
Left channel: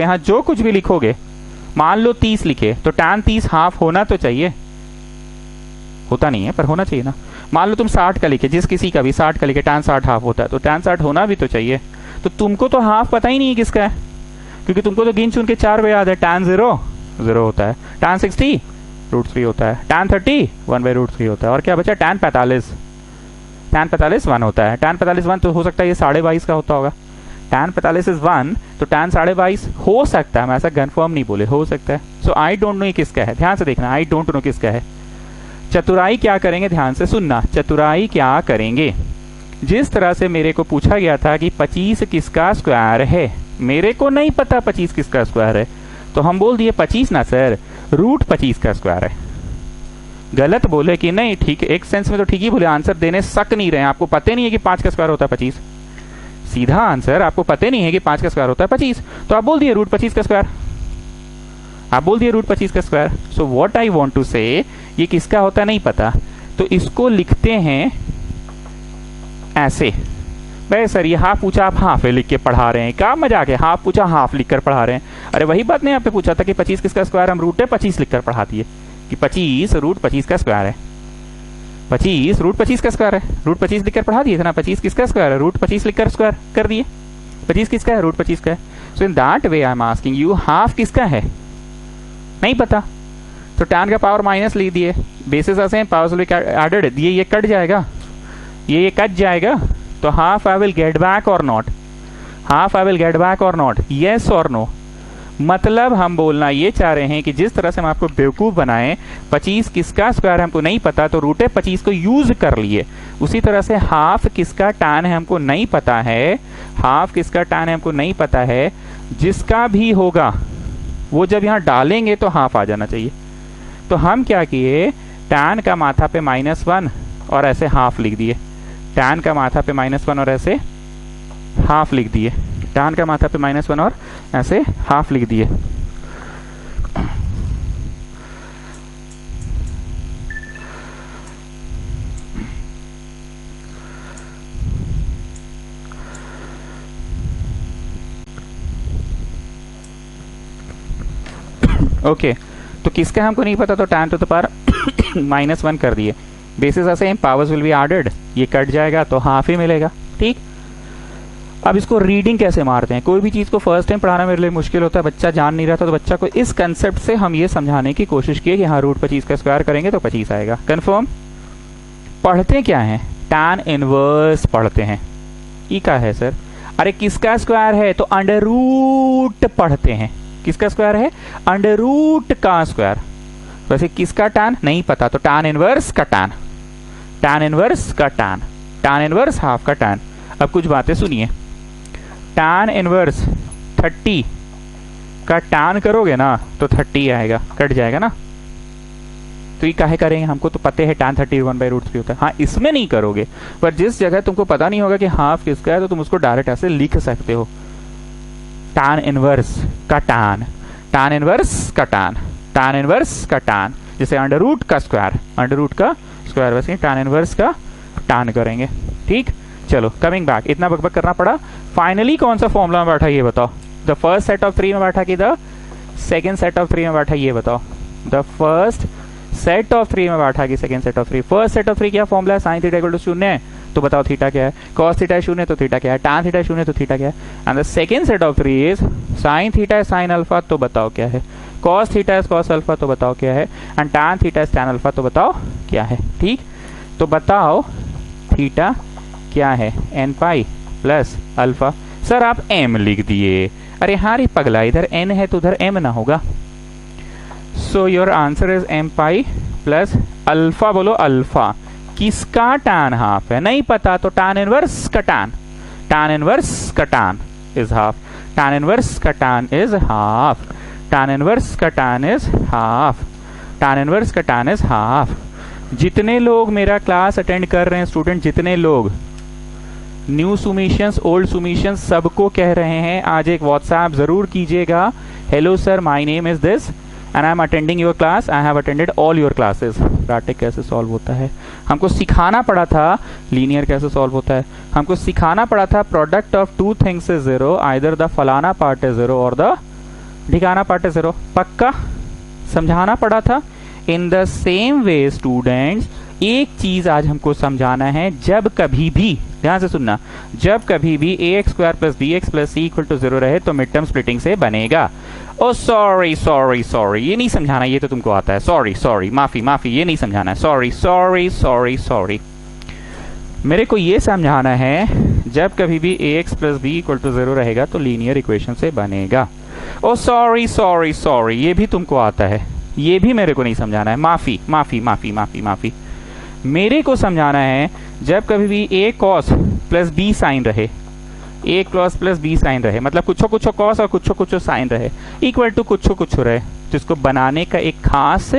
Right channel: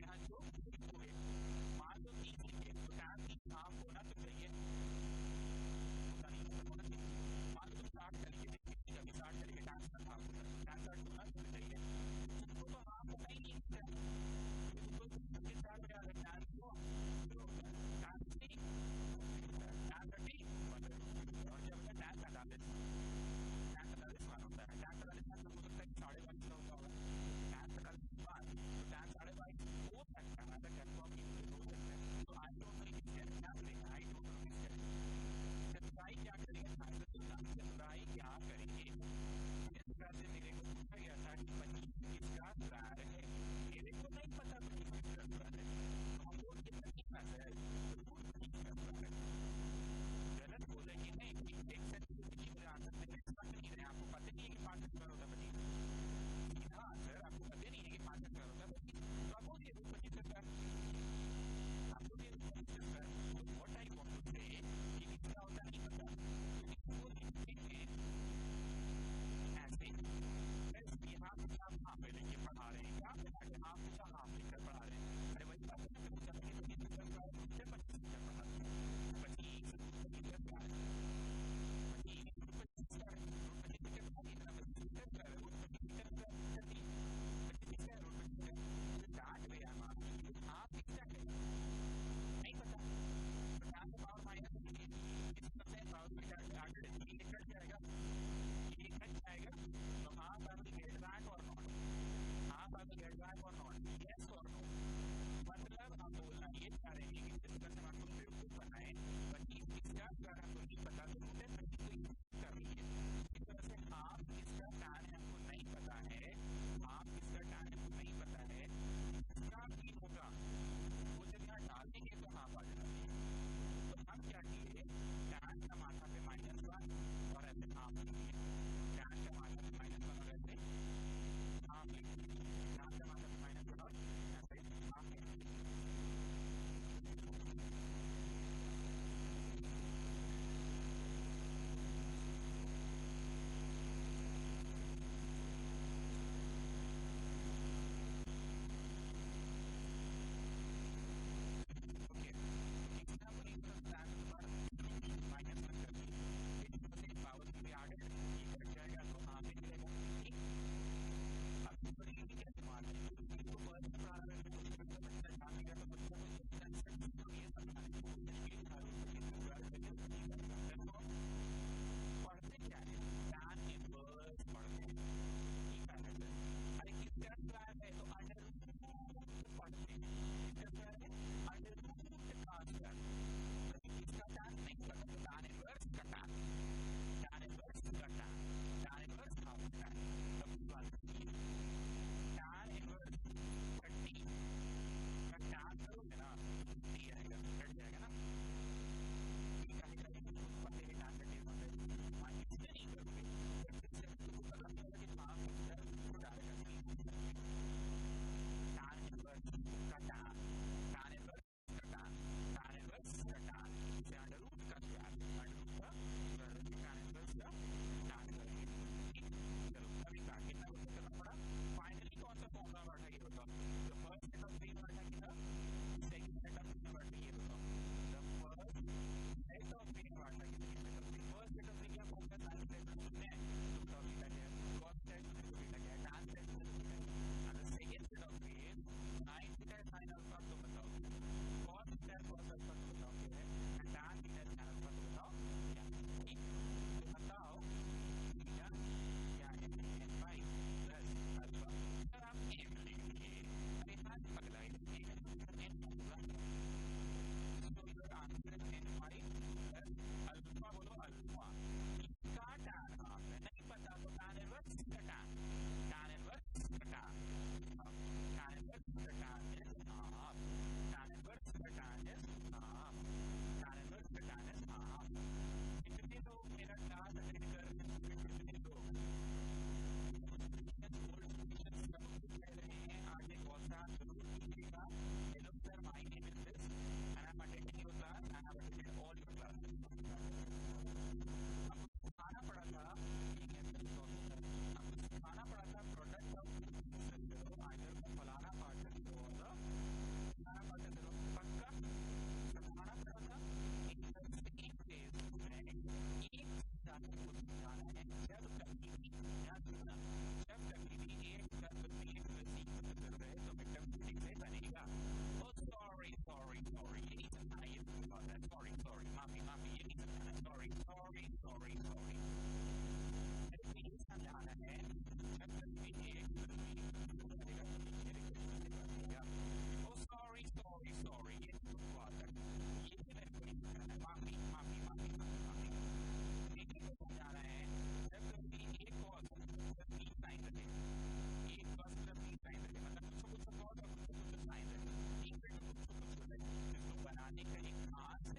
यहाँ जो कुछ भी लिखोगे, मान लो 30 लिखे तो टान 30 हाफ होना तो चाहिए, होता नहीं है पर होना चाहिए ना। मान लो तुम 60 का लिखे, जिस किसी का भी 60 का लिखे, टान 60 हाफ होता है, तो टान 60 होना भी तो चाहिए। तो तुमको तो हाफ पता ही नहीं है किसका है, क्योंकि तुमको तो गिन चुन के 4 वे याद है। टान 0 होता है, टान 60 √3 होता है, टान 30 1/√3 होता है, और क्या बचा? टान 45 1 होता है। टान 45 1 तो हो सकता है ये 22.5 का होता होगा। टान 45 इज 1, तो टान 22.5 हो सकता है, मैं ऐसा कन्फर्म नहीं बोले, हो सकता है। सो आई डोंट नो ये किसका है, ध्यान से देखना, आई डोंट नो किसका है। चतुराई क्या करेंगे, ध्यान से सुनना, चतुराई क्या करेंगे। जिस तरह से मेरे को पूछा गया था कि 25 किसका स्क्वायर है, मेरे को नहीं पता 25 किसका स्क्वायर है, तो हम बोल दिए 25 ना सर, रूट 25 का स्क्वायर है। गलत बोले कि नहीं, ठीक है, एक सेंस में तो ठीक ही बोले, आंसर देने सक नहीं रहे। आपको पता नहीं है कि 5 का स्क्वायर होता है 25, सीधा आंसर, आपको पता नहीं है कि 5 का स्क्वायर होता है 25, तो आप बोल दिए रूट 25 का स्क्वायर, आप बोल दिए रूट 25 का square. So what I want to say, ये किसका होता है नहीं पता, तो इसको लिखते हैं ऐसे। भाई सर ये हाफ पूछा, आप हाफ लिख के पढ़ा रहे हैं, क्या मजाक है? हाफ पूछा, हाफ लिखकर पढ़ा रहे हैं। अरे वही बात नहीं, आपने पूछा था कि 25 किसका स्क्वायर, हम रूट 25 लिखकर पढ़ा दिए कि 25 रूट 25 का स्क्वायर है। 25 रूट 25 का स्क्वायर है, रूट 25 लिखकर पढ़ा दिए थे ना। 25 किसका स्क्वायर है, रूट 25 लिखकर स्क्वायर कर दिए। 25 किसका है, रूट 25 का है। So in that way I am asking you, half किसका है नहीं पता, तो टैन का पावर माइनस ले दिए, बेसिस ऐसे पावर्स विल बी एडेड दिए, ये कट जाएगा, ये कट जाएगा, तो half I will get back or not, half I will get back or not, yes or no. मतलब हम बोलना ये चाह रहे हैं कि जिस तरह से हम आपको बेवकूफ बनाएं, 25 किसका स्क्वायर हमको नहीं पता तो रूट 25 को यूज कर लिए, उसी तरह से हाफ किसका टैन है हमको नहीं पता है, हाफ किसका टैन है हमको नहीं पता है, जिसका भी होगा वो जब यहाँ डालेंगे तो हाफ आ जाना चाहिए। तो हम क्या किए, टैन का माथा पे -1 और ऐसे हाफ लिख दिए, टैन का माथा पे -1 और ऐसे हाफ लिख दिए, टैन का माथा पे -1 और ऐसे हाफ लिख दिए। ओके तो किसका हमको नहीं पता, तो टैन टू द पावर -1 कर दिए, बेसिस ऐसे पावर्स विल बी एडेड, ये कट जाएगा तो हाफ ही मिलेगा। ठीक, अब इसको रीडिंग कैसे मारते हैं, कोई भी चीज़ को फर्स्ट टाइम पढ़ाना मेरे लिए मुश्किल होता है, बच्चा जान नहीं रहा था, तो बच्चा को इस कंसेप्ट से हम ये समझाने की कोशिश किए कि हाँ रूट 25 का स्क्वायर करेंगे तो 25 आएगा। कंफर्म। पढ़ते क्या है, टैन इनवर्स पढ़ते हैं। ई का है सर, अरे किसका स्क्वायर है, तो अंडर रूट पढ़ते हैं, किसका स्क्वायर है, अंडर रूट का स्क्वायर। वैसे किसका टैन नहीं पता, तो टैन इनवर्स का टैन, टैन इनवर्स का टैन, टैन इनवर्स हाफ का टैन। अब कुछ बातें सुनिए, टैन इनवर्स 30 का टैन करोगे ना तो 30 आएगा, कट जाएगा ना, तो ये काहे करेंगे, हमको तो पता है टैन 30 1/√3 होता है। हाँ इसमें नहीं करोगे, पर जिस जगह तुमको पता नहीं होगा कि हाफ किसका है तो तुम उसको डायरेक्ट ऐसे लिख सकते हो, टैन इनवर्स का टैन, टैन इनवर्स का टैन, टैन इनवर्स का टैन, जैसे अंडर रूट का स्क्वायर, अंडर रूट का स्क्वायर, वैसे टैन इनवर्स का टैन करेंगे। ठीक, चलो कमिंग बैक, इतना बकबक करना पड़ा। फाइनली कौन सा फॉर्मूला में बैठा ये बताओ, द फर्स्ट सेट ऑफ 3 में बैठा कि द सेकेंड सेट ऑफ 3 में बैठा ये बताओ, द फर्स्ट सेट ऑफ 3 में बैठा कि second set of 3। First set of 3 क्या फॉर्मूला है, साइन थीटा इक्वल टू 0 है, तो बताओ थीटा क्या है, कॉस थीटा 0 तो थीटा क्या है, टैन थीटा 0 तो थीटा क्या है, and the second set of 3 is sine theta है साइन अल्फा, तो बताओ क्या है, कॉस थीटा है कॉस अल्फा, तो बताओ क्या है, एंड टैन थीटा है टैन अल्फा, तो बताओ क्या है। ठीक, तो बताओ थीटा क्या है, n pi plus alpha. Sir आप एम लिख दिए, अरे हाँ रे पगला, इधर एन है तो उधर एम ना होगा, so your answer is m pi plus alpha, बोलो अल्फा, किसका tan हाफ है, नहीं पता तो tan इनवर्स का tan, tan इनवर्स का tan is half, tan inverse का tan is half, tan inverse का tan is half, tan inverse का tan इज हाफ। जितने लोग मेरा क्लास अटेंड कर रहे हैं स्टूडेंट, जितने लोग न्यू सुमिशंस, ओल्ड सुमिशंस, सबको कह रहे हैं आज एक व्हाट्सएप जरूर कीजिएगा, hello sir my name is this and I am attending your class, I have attended all your classes. Quadratic कैसे सॉल्व होता है, हमको सिखाना पड़ा था। लीनियर कैसे सॉल्व होता है, हमको सिखाना पड़ा था। Product of two things is zero, either the फलाना पार्ट इज जीरो और द ढिकाना पार्ट इज जीरो, पक्का समझाना पड़ा था। In the same way students, एक चीज आज हमको समझाना है, जब कभी भी, ध्यान से सुनना, जब कभी भी ax square plus b x plus c equal to zero रहे तो मिड टर्म स्प्लिटिंग से बनेगा। ओ सॉरी सॉरी सॉरी, ये नहीं समझाना, ये तो तुमको आता है। सॉरी सॉरी, माफी माफी, ये नहीं समझाना है। सॉरी सॉरी सॉरी सॉरी, मेरे को ये समझाना है जब कभी भी ax plus b equal to zero रहेगा तो लीनियर इक्वेशन से बनेगा। ओ सॉरी सॉरी सॉरी, ये भी तुमको आता है, ये भी मेरे को नहीं समझाना है। माफी माफी माफी माफी माफी, मेरे को समझाना है जब कभी भी a cos plus b sine रहे, a cos plus b sine रहे, मतलब कुछो कुछो cos और कुछो कुछो साइन रहे, इक्वल टू कुछो कुछो रहे, तो इसको बनाने का एक खास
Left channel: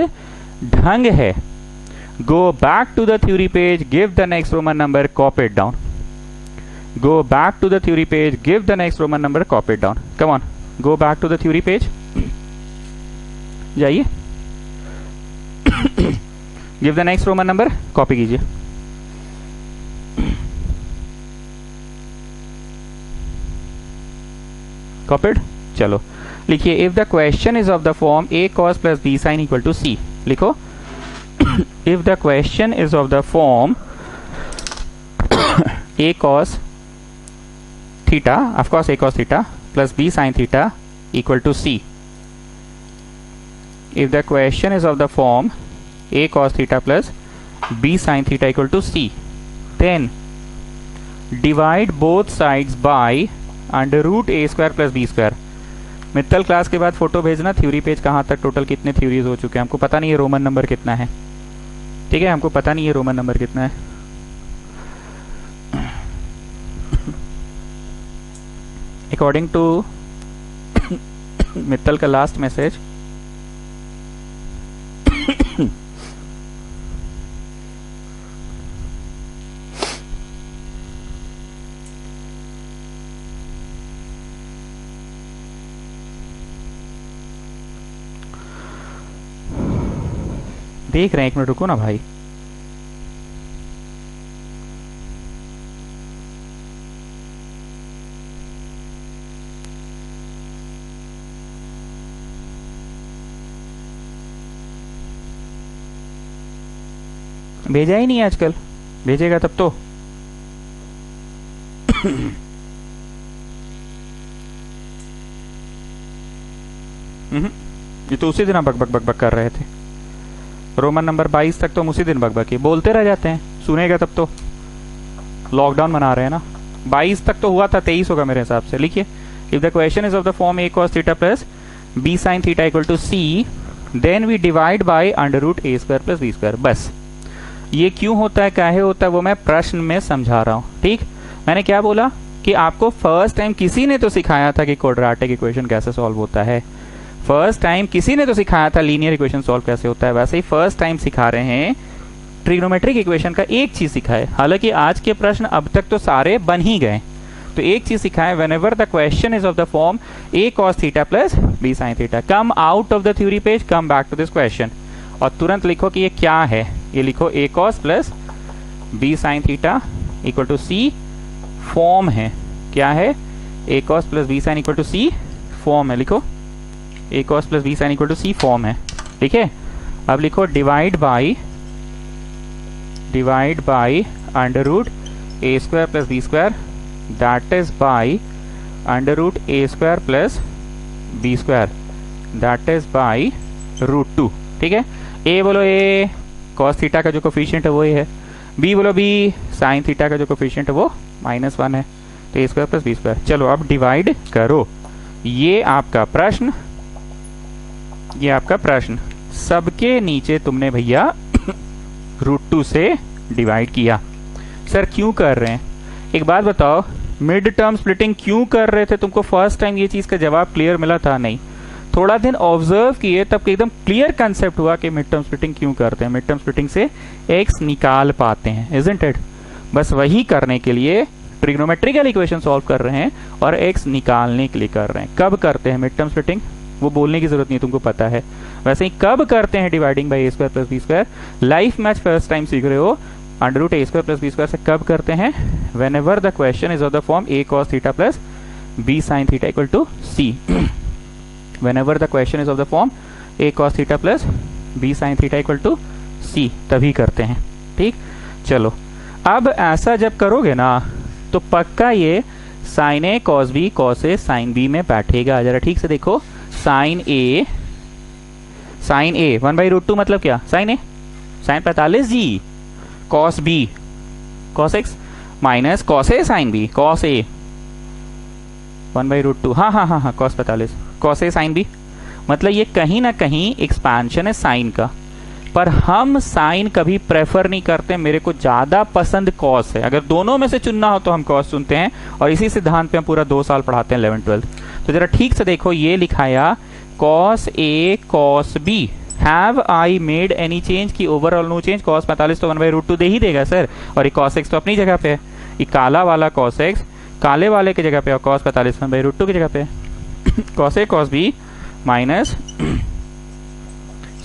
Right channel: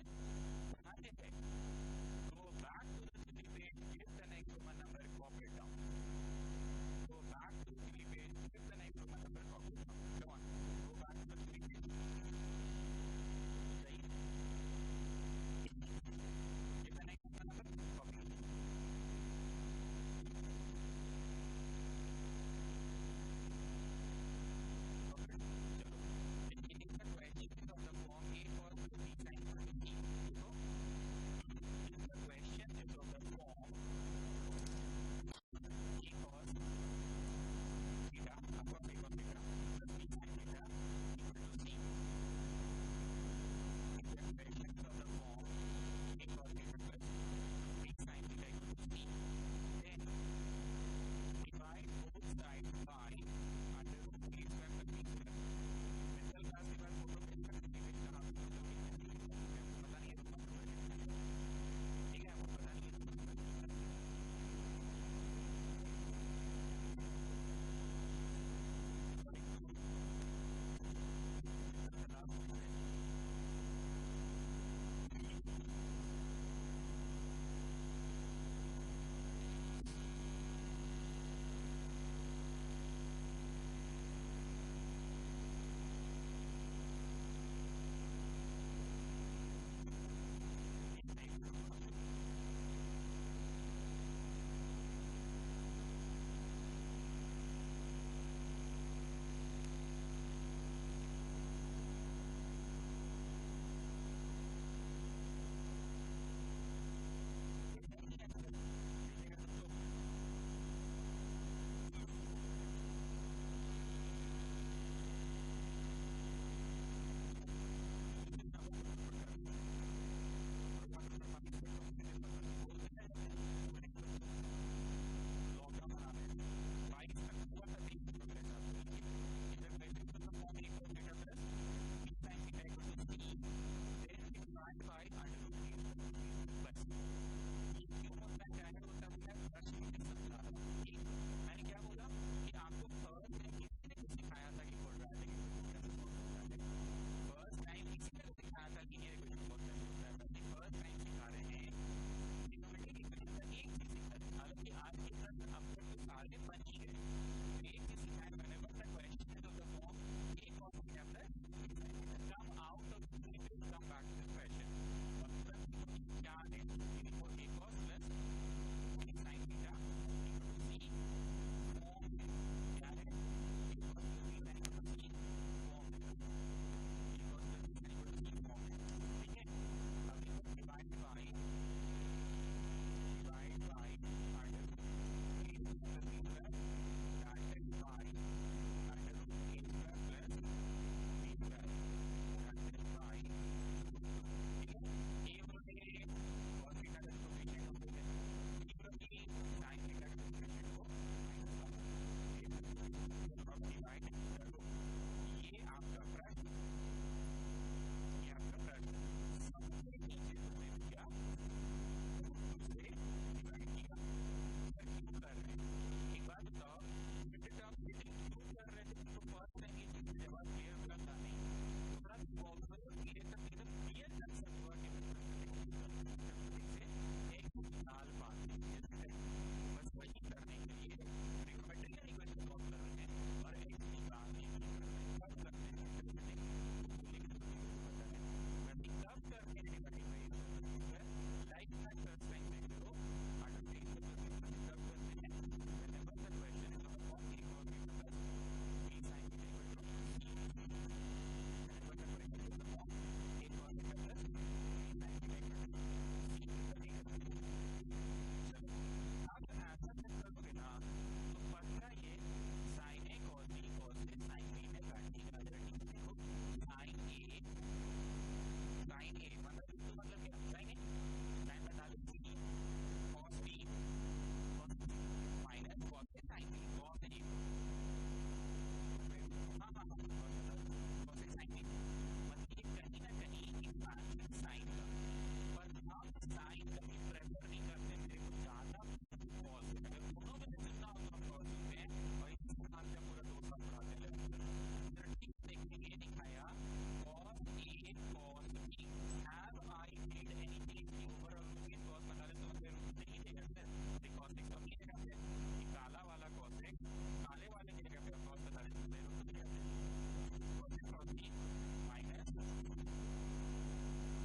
ढंग है। Go back to the theory page, give the next Roman number, copy it down. Go back to the theory page, give the next Roman number, copy it down. Come on, go back to the theory page, जाइए, give the next Roman number, copy कीजिए। Copied, चलो लिखिए, if the question is of the form a cos plus b sin equal to c, लिखो। If the question is of the form a cos theta, of course a cos theta plus b sin theta equal to c, if the question is of the form a cos theta plus b sin theta equal to c, then divide both sides by under root a square plus b square। Mittal class के बाद photo भेजना, theory page कहाँ तक, total कितने theories हो चुके हैं, हमको पता नहीं है रोमन नंबर कितना है, ठीक है, हमको पता नहीं है रोमन नंबर कितना है। अकॉर्डिंग टू मित्तल का लास्ट मैसेज, देख रहे हैं, एक मिनट रुको ना भाई। भेजा ही नहीं आजकल, भेजेगा तब तो। ये तो उसी दिन हम बक बक बक बक कर रहे थे। रोमन नंबर 22 तक तो हम उसी दिन बक बक किए, बोलते रह जाते हैं, सुनेगा तब तो। लॉकडाउन मना रहे हैं ना, 22 तक तो हुआ था, 23 होगा मेरे हिसाब से। लिखिए, if the question is of the form a cos theta plus b sin theta equal to c, then we divide by under root a square plus b square. बस ये क्यों होता है, काहे होता है, वो मैं प्रश्न में समझा रहा हूँ। ठीक, मैंने क्या बोला कि आपको फर्स्ट टाइम किसी ने तो सिखाया था कि क्वाड्रेटिक इक्वेशन कैसे सॉल्व होता है, फर्स्ट टाइम किसी ने तो सिखाया था लीनियर इक्वेशन सॉल्व कैसे होता है, वैसे ही फर्स्ट टाइम सिखा रहे हैं ट्रिग्नोमेट्रिक इक्वेशन का एक चीज सिखाए। हालांकि आज के प्रश्न अब तक तो सारे बन ही गए, तो एक चीज सिखाए, whenever the question is of the form a cos theta plus b sin theta, come out of the theory page, come back to this question, और तुरंत लिखो कि ये क्या है। ये लिखो a cos plus b sin theta equal to c form है। क्या है, a cos plus b sin equal to c form है। लिखो, a cos plus b sin equal to c form है। ठीक है, अब लिखो divide by under root a square plus b square, that is by under root a square plus b square, that is by root 2। ठीक है, a बोलो a cos theta का जो कोफिशिएंट है वो ये है, b बोलो b sin थीटा का जो कोफिशिएंट है वो -1 है, तो a square plus b square. चलो अब डिवाइड करो, ये आपका प्रश्न सबके नीचे तुमने भैया √2 से डिवाइड किया। सर क्यों कर रहे हैं? एक बात बताओ, मिड टर्म स्प्लिटिंग क्यों कर रहे थे? तुमको फर्स्ट टाइम ये चीज का जवाब क्लियर मिला था? नहीं, थोड़ा दिन ऑब्जर्व किए तब एकदम क्लियर कंसेप्ट हुआ कि मिड टर्म स्प्लिटिंग क्यों करते हैं। मिड टर्म स्प्लिटिंग से एक्स निकाल पाते हैं, इजंट इट? बस वही करने के लिए ट्रिग्नोमेट्रिकल इक्वेशन सॉल्व कर रहे हैं और एक्स निकालने के लिए कर रहे हैं। कब करते हैं मिड टर्म स्प्लिटिंग? वो बोलने की जरूरत नहीं, तुमको पता है। वैसे ही कब करते हैं dividing by a² + b²? Life match first time सीख रहे हो, √a² + b² से कब करते हैं? When ever the question is of the form a cos θ + b sin θ = c। whenever the question is of the form a cos θ plus b sin θ = c, तभी करते हैं। ठीक, चलो अब ऐसा जब करोगे ना तो पक्का ये sin a cos b cos a sin b में बैठेगा। जरा ठीक से देखो, sin a 1/√2 मतलब क्या? sin a sin 45 जी, cos b cos x minus cos a sin b cos a 1/√2, हाँ cos 45 cos a sin b, मतलब ये कहीं ना कहीं एक्सपेंशन है साइन का। पर हम साइन कभी प्रेफर नहीं करते, मेरे को ज्यादा पसंद कॉस है। अगर दोनों में से चुनना हो तो हम कॉस चुनते हैं, और इसी सिद्धांत पे हम पूरा 2 साल पढ़ाते हैं 11th-12th। तो जरा ठीक से देखो, ये लिखाया cos a cos b, have I made any change? की ओवरऑल नो चेंज। cos 45 तो 1/√2 दे ही देगा सर, और ये cos x तो अपनी जगह पे है। ये काला वाला cos x काले वाले की जगह पे, और cos 45 1/√2 की जगह पे cos a cos b minus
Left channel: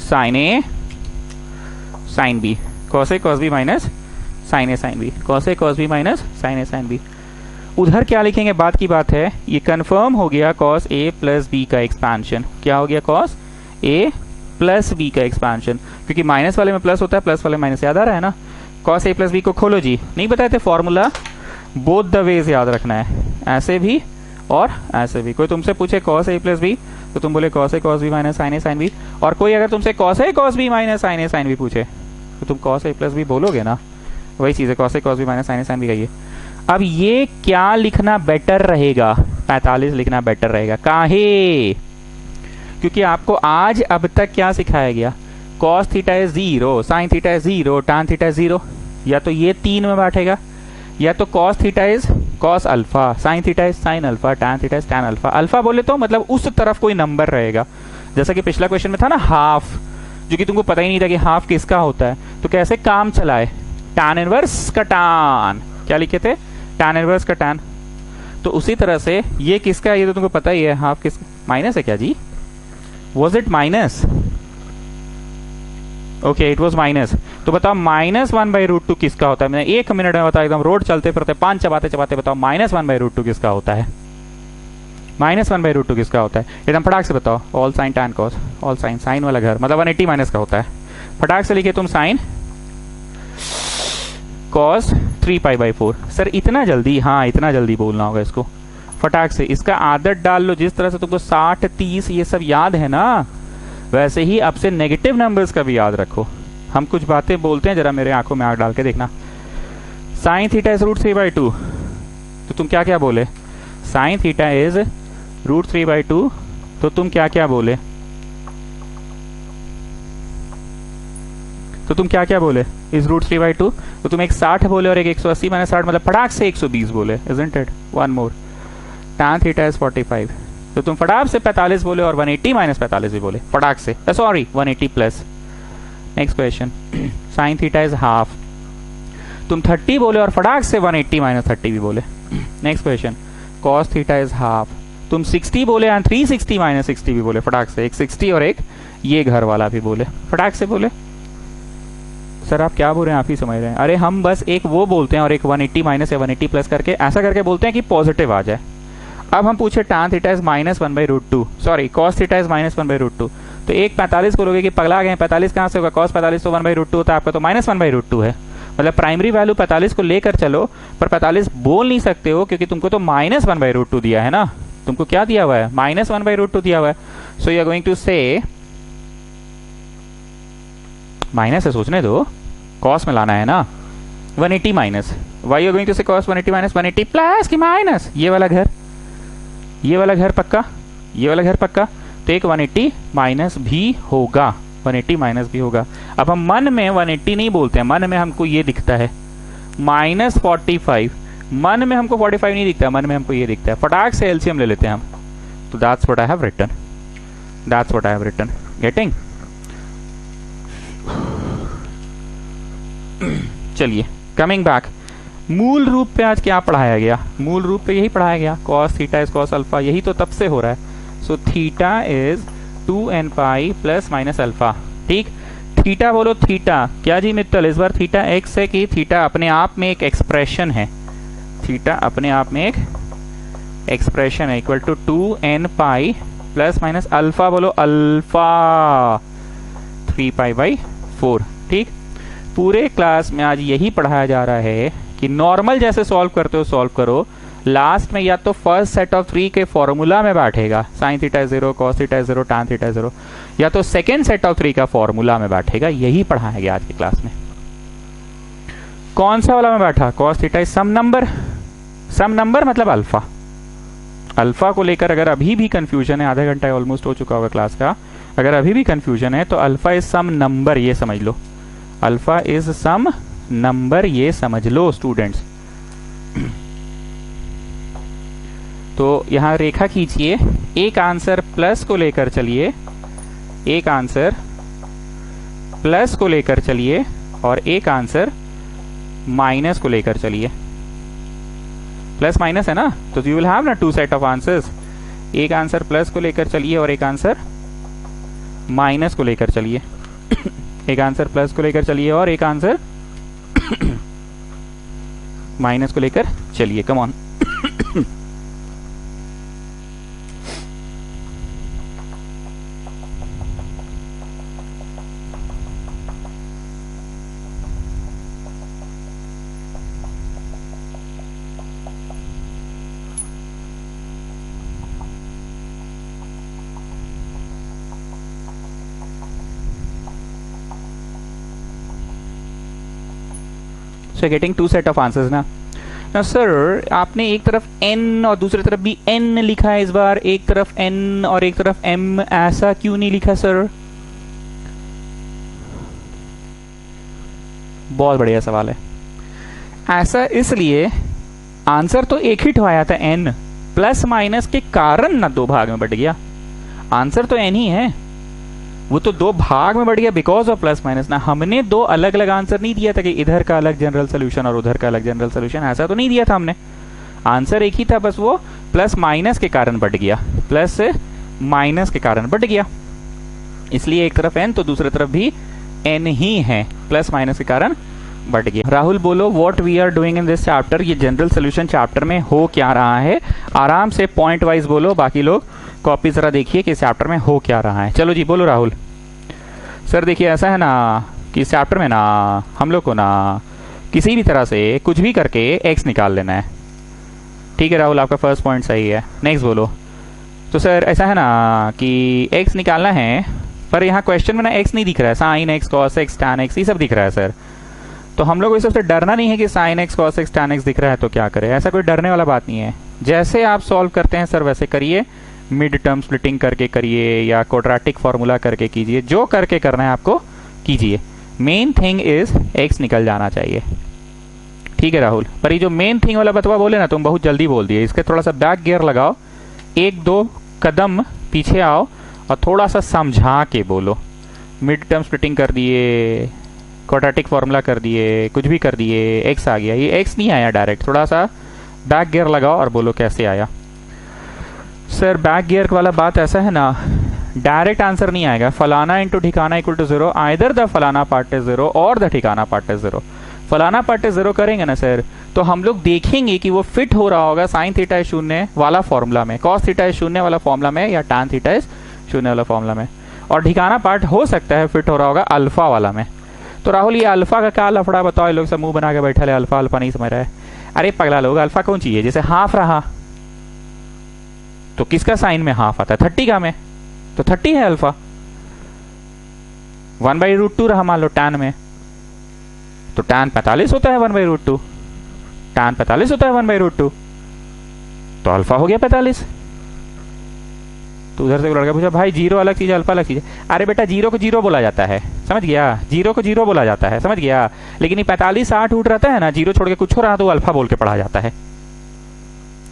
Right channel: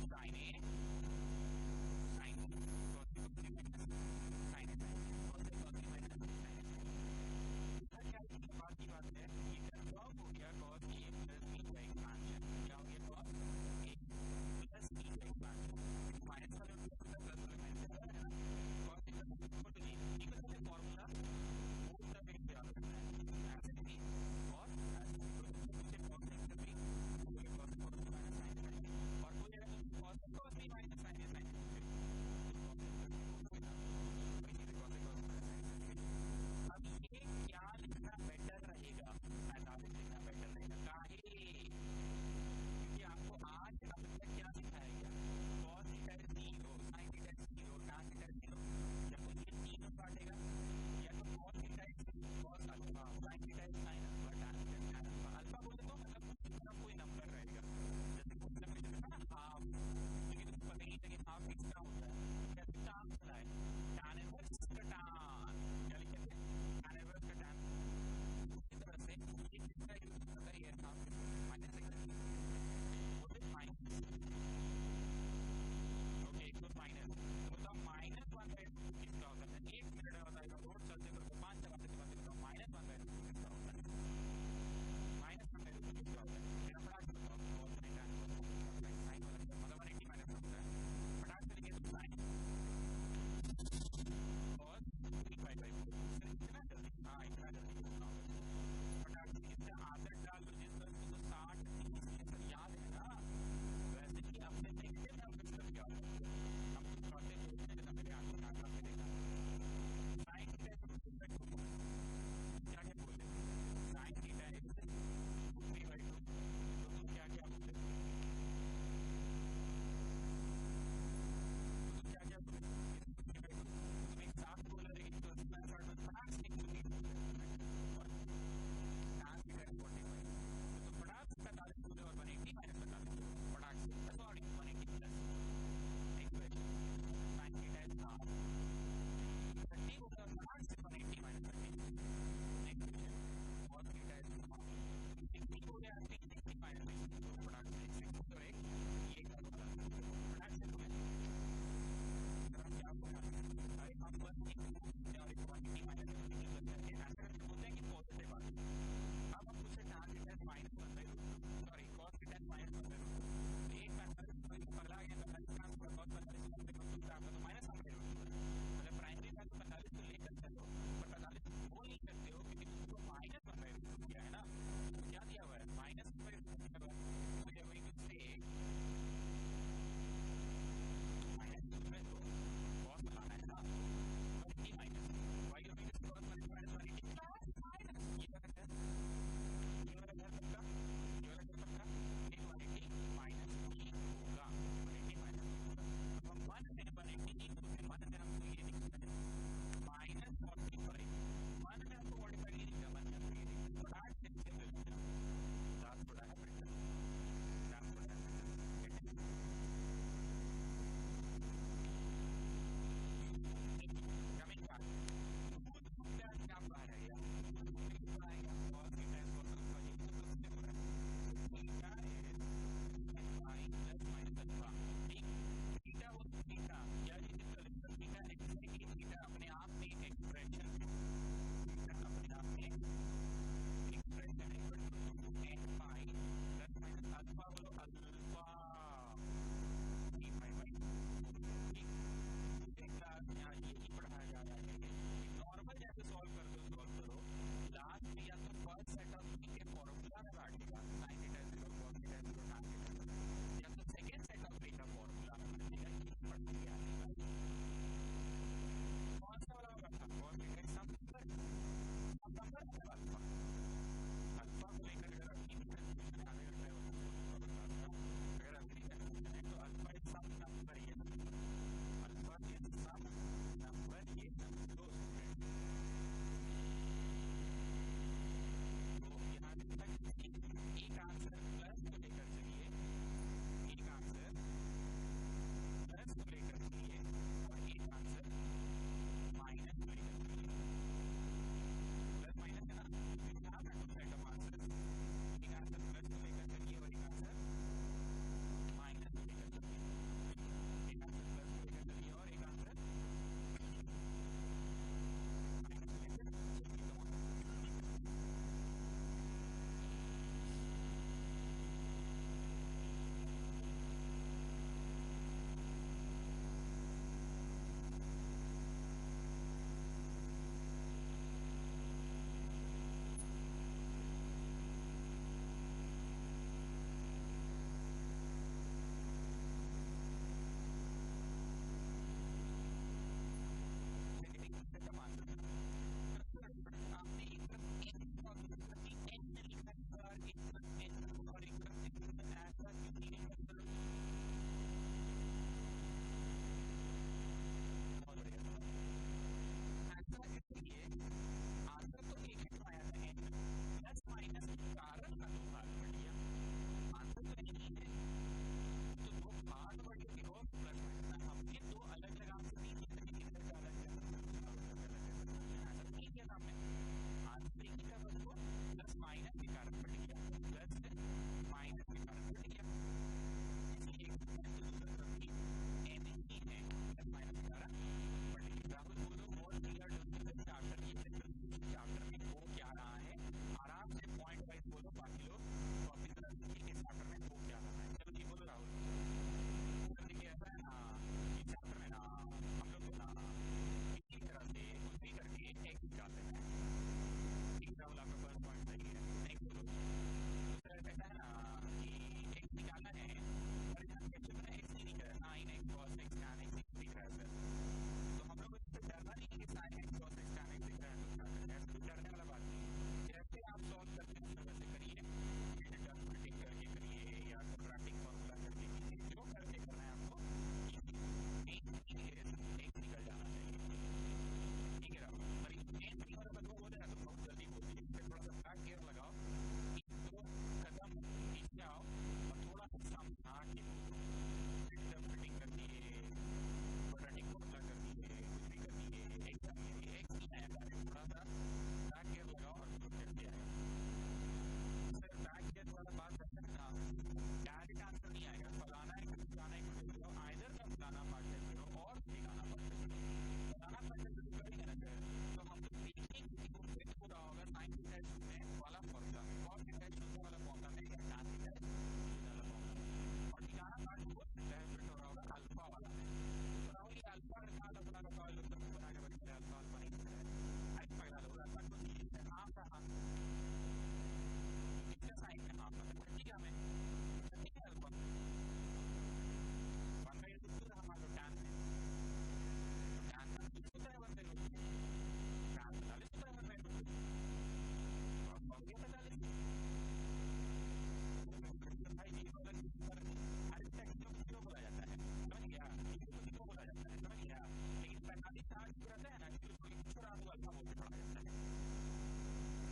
sin a sin b, cos a cos b minus sin a sin b, cos a cos b minus sin a sin b। उधर क्या लिखेंगे, बात की बात है। ये कंफर्म हो गया cos a प्लस b का एक्सपांशन। क्या हो गया? cos a प्लस b का एक्सपांशन, क्योंकि माइनस वाले में प्लस होता है, प्लस वाले में माइनस। याद आ रहा है ना? cos a प्लस b को खोलो जी, नहीं बताए थे फॉर्मूला? बोथ द वेज याद रखना है, ऐसे भी और ऐसे भी। कोई तुमसे पूछे cos a प्लस b तो तुम बोले cos a cos b minus sin a sin b, और कोई अगर तुमसे cos a cos b minus sin a sin b पूछे तो तुम cos a प्लस b बोलोगे ना? वही चीज है, cos a cos b minus sin a sin b कहिए। अब ये क्या लिखना बेटर रहेगा? 45 लिखना बेटर रहेगा। काहे? क्योंकि आपको आज अब तक क्या सिखाया गया? cos θ is 0, sin θ is 0, tan θ is 0। या तो ये 3 में बैठेगा, या तो cos θ is cos alpha, sin θ is sin alpha, tan θ is tan alpha. Alpha बोले तो मतलब उस तरफ कोई नंबर रहेगा। जैसा कि पिछला क्वेश्चन में था ना हाफ, जो कि तुमको पता ही नहीं था कि हाफ किसका होता है, तो कैसे काम चलाए? tan इनवर्स का tan, क्या लिखे थे? tan इनवर्स का tan। तो उसी तरह से ये किसका है? ये तो तुमको पता ही है, हाफ किस माइनस है क्या जी? Was it minus? Okay, it was minus. तो बताओ माइनस 1/√2 किसका होता है? मैंने 1 मिनट में बताया, एकदम रोड चलते फिरते पान चबाते चबाते बताओ माइनस 1/√2 किसका होता है? माइनस 1/√2 किसका होता है? एकदम फटाक से बताओ। All sine tan cos, all sine, sine वाला घर मतलब 180 माइनस का होता है। फटाक से लिखे तुम साइन कॉस 3π/4। सर इतना जल्दी? हाँ इतना जल्दी बोलना होगा इसको। फटाक से इसका आदत डाल लो। जिस तरह से तुमको 60 30 ये सब याद है ना, वैसे ही अब से नेगेटिव नंबर्स का भी याद रखो। हम कुछ बातें बोलते हैं, जरा मेरे आंखों में आंख डाल के देखना। साइन थीटा इज √3/2, तो तुम क्या क्या बोले? साइन थीटा इज √3/2, तो तुम क्या क्या बोले? इज √3/2, तो तुम एक 60 बोले और एक 180 माइनस 60 मतलब फटाक से 120 बोले, isn't it? One more, tan theta is 45, तो तुम फटाक से 45 बोले और 180 माइनस 45 भी बोले फटाक से, sorry 180 plus. Next question, sine theta is half, तुम 30 बोले और फटाक से 180 माइनस 30 भी बोले। Next question, cos theta is half, तुम 60 बोले और 360 माइनस 60 भी बोले फटाक से, एक 60 और एक ये घर वाला भी बोले फटाक से बोले। सर आप क्या बोल रहे हैं, आप ही समझ रहे हैं। अरे हम बस एक वो बोलते हैं और एक 180 माइनस या 180 प्लस करके ऐसा करके बोलते हैं कि पॉजिटिव आ जाए। अब हम पूछे tan theta is minus 1/√2, sorry cos theta is minus 1/√2, तो एक 45 बोलोगे कि पगला गए, 45 कहाँ से होगा? cos 45 तो 1/√2 होता है आपका, तो माइनस 1/√2 है। मतलब प्राइमरी वैल्यू 45 को लेकर चलो, पर 45 बोल नहीं सकते हो क्योंकि तुमको तो माइनस 1/√2 दिया है ना। तुमको क्या दिया हुआ है? माइनस 1/√2 दिया हुआ है। So you are going to say, minus है सोचने दो, cos में लाना है ना, 180 minus, why you going to say cos 180 minus 180 plus की माइनस ये वाला घर, ये वाला घर पक्का, ये वाला घर पक्का, तो एक 180 माइनस भी होगा। 180 माइनस भी होगा। अब हम मन में 180 नहीं बोलते हैं, मन में हमको ये दिखता है -45, मन में हमको 45 नहीं दिखता, मन में हमको ये दिखता है। फटाक से एलसीएम ले लेते हैं हम, तो that's what I have written, that's what I have written. Getting? चलिए कमिंग बैक, मूल रूप पे आज क्या पढ़ाया गया? मूल रूप पे यही पढ़ाया गया, cos theta is cos alpha, यही तो तब से हो रहा है। सो theta is 2n pi plus minus alpha. ठीक, थीटा बोलो, थीटा क्या जी मित्तल, इस बार थीटा एक्स है कि थीटा अपने आप में एक एक्सप्रेशन है? थीटा अपने आप में एक एक्सप्रेशन है, equal to 2n pi plus minus alpha, बोलो अल्फा 3π/4। ठीक, पूरे क्लास में आज यही पढ़ाया जा रहा है कि नॉर्मल जैसे सॉल्व करते हो सॉल्व करो, लास्ट में या तो फर्स्ट सेट ऑफ 3 के फॉर्मूला में बैठेगा, sine theta 0, cos theta 0, tan theta 0, या तो सेकेंड सेट ऑफ 3 का फॉर्मूला में बैठेगा। यही पढ़ाया गया आज की क्लास में। कौन सा वाला में बैठा? Cos theta is some number, some number मतलब अल्फा। अल्फा को लेकर अगर अभी भी कंफ्यूजन है, आधा घंटा ऑलमोस्ट हो चुका होगा क्लास का, अगर अभी भी कंफ्यूजन है तो अल्फा इज सम नंबर, ये समझ लो, अल्फा इज सम नंबर, ये समझ लो स्टूडेंट्स। तो यहां रेखा खींचिए, एक आंसर प्लस को लेकर चलिए, एक आंसर प्लस को लेकर चलिए और एक आंसर माइनस को लेकर चलिए। प्लस माइनस है ना, तो यू विल हैव ना 2 सेट ऑफ आंसर्स। एक आंसर प्लस को लेकर चलिए और एक आंसर माइनस को लेकर चलिए। एक आंसर प्लस को लेकर चलिए और एक आंसर माइनस को लेकर चलिए। Come on. So getting 2 set of answers ना। Now sir, आपने एक तरफ n और दूसरी तरफ भी n लिखा है इस बार, एक तरफ n और एक तरफ m, ऐसा क्यों नहीं लिखा सर? बहुत बढ़िया सवाल है। ऐसा इसलिए, आंसर तो एक ही ठहराया था n, प्लस माइनस के कारण ना 2 भाग में बट गया। आंसर तो n ही है, वो तो 2 भाग में बढ़ गया बिकॉज ऑफ प्लस माइनस ना। हमने 2 अलग अलग आंसर नहीं दिया था कि इधर का अलग जनरल सोल्यूशन और उधर का अलग जनरल सोल्यूशन, ऐसा तो नहीं दिया था हमने। आंसर एक ही था, बस वो प्लस माइनस के कारण बढ़ गया, प्लस माइनस के कारण बढ़ गया। इसलिए एक तरफ n तो दूसरी तरफ भी n ही है, प्लस माइनस के कारण बढ़ गया। राहुल बोलो, what we are doing in this chapter, ये जनरल सोल्यूशन चैप्टर में हो क्या रहा है? आराम से पॉइंट वाइज बोलो, बाकी लोग कॉपी जरा देखिए कि इस चैप्टर में हो क्या रहा है। चलो जी बोलो राहुल। सर देखिए ऐसा है ना कि इस चैप्टर में ना हम लोग को ना किसी भी तरह से कुछ भी करके x निकाल लेना है। ठीक है राहुल, आपका फर्स्ट पॉइंट सही है। नेक्स्ट बोलो। तो सर ऐसा है ना कि x निकालना है, पर यहाँ क्वेश्चन में ना x नहीं दिख रहा है, sine x, cos x, tan x ये सब दिख रहा है सर। तो हम लोग को इस सबसे डरना नहीं है कि sine x, cos x, tan x दिख रहा है तो क्या करें, ऐसा कोई डरने वाला बात नहीं है। जैसे आप सॉल्व करते हैं सर वैसे करिए, मिड टर्म स्प्लिटिंग करके करिए या क्वाड्रेटिक फॉर्मूला करके कीजिए, जो करके करना है आपको कीजिए। मेन थिंग इज x निकल जाना चाहिए। ठीक है राहुल, पर ये जो मेन थिंग वाला बतवा बोले ना तुम बहुत जल्दी बोल दिए, इसके थोड़ा सा बैक गियर लगाओ, 1-2 कदम पीछे आओ और थोड़ा सा समझा के बोलो। मिड टर्म स्प्लिटिंग कर दिए, क्वाड्रेटिक फॉर्मूला कर दिए, कुछ भी कर दिए, x आ गया, ये x नहीं आया डायरेक्ट, थोड़ा सा बैक गियर लगाओ और बोलो कैसे आया। सर बैक गियर वाला बात ऐसा है ना, डायरेक्ट आंसर नहीं आएगा। फलाना इंटू ठिकाना इक्वल टू 0, आइदर द फलाना पार्ट इज 0 और द ठिकाना पार्ट इज 0। फलाना पार्ट इज 0 करेंगे ना सर, तो हम लोग देखेंगे कि वो फिट हो रहा होगा साइन थीटा इज 0 वाला फॉर्मूला में, कॉस थीटा इज 0 वाला फॉर्मूला में, या टैन थीटा इज 0 वाला फॉर्मूला में, और ठिकाना पार्ट हो सकता है फिट हो रहा होगा अल्फा वाला में। तो राहुल ये अल्फा का क्या लफड़ा बताओ, ये लोग सब मुंह बना के बैठा है, अल्फा अल्फा नहीं समझ रहा है। अरे पगला लोग, अल्फा कौन चाहिए? जैसे हाफ रहा तो किसका साइन में हाफ आता है? 30 का में, तो 30 है अल्फा। 1/√2 रहा मान लो टैन में, तो टैन 45 होता है 1/√2, टैन 45 होता है 1/√2, तो अल्फा हो गया 45। तो उधर से लड़का पूछा भाई जीरो अलग चीज़ है अल्फा अलग चीज़ है। अरे बेटा जीरो को जीरो बोला जाता है, समझ गया, जीरो को जीरो बोला जाता है, समझ गया। लेकिन ये 45 60 उठ रहता है ना, जीरो छोड़ के कुछ हो रहा तो अल्फा बोल के पढ़ा जाता है।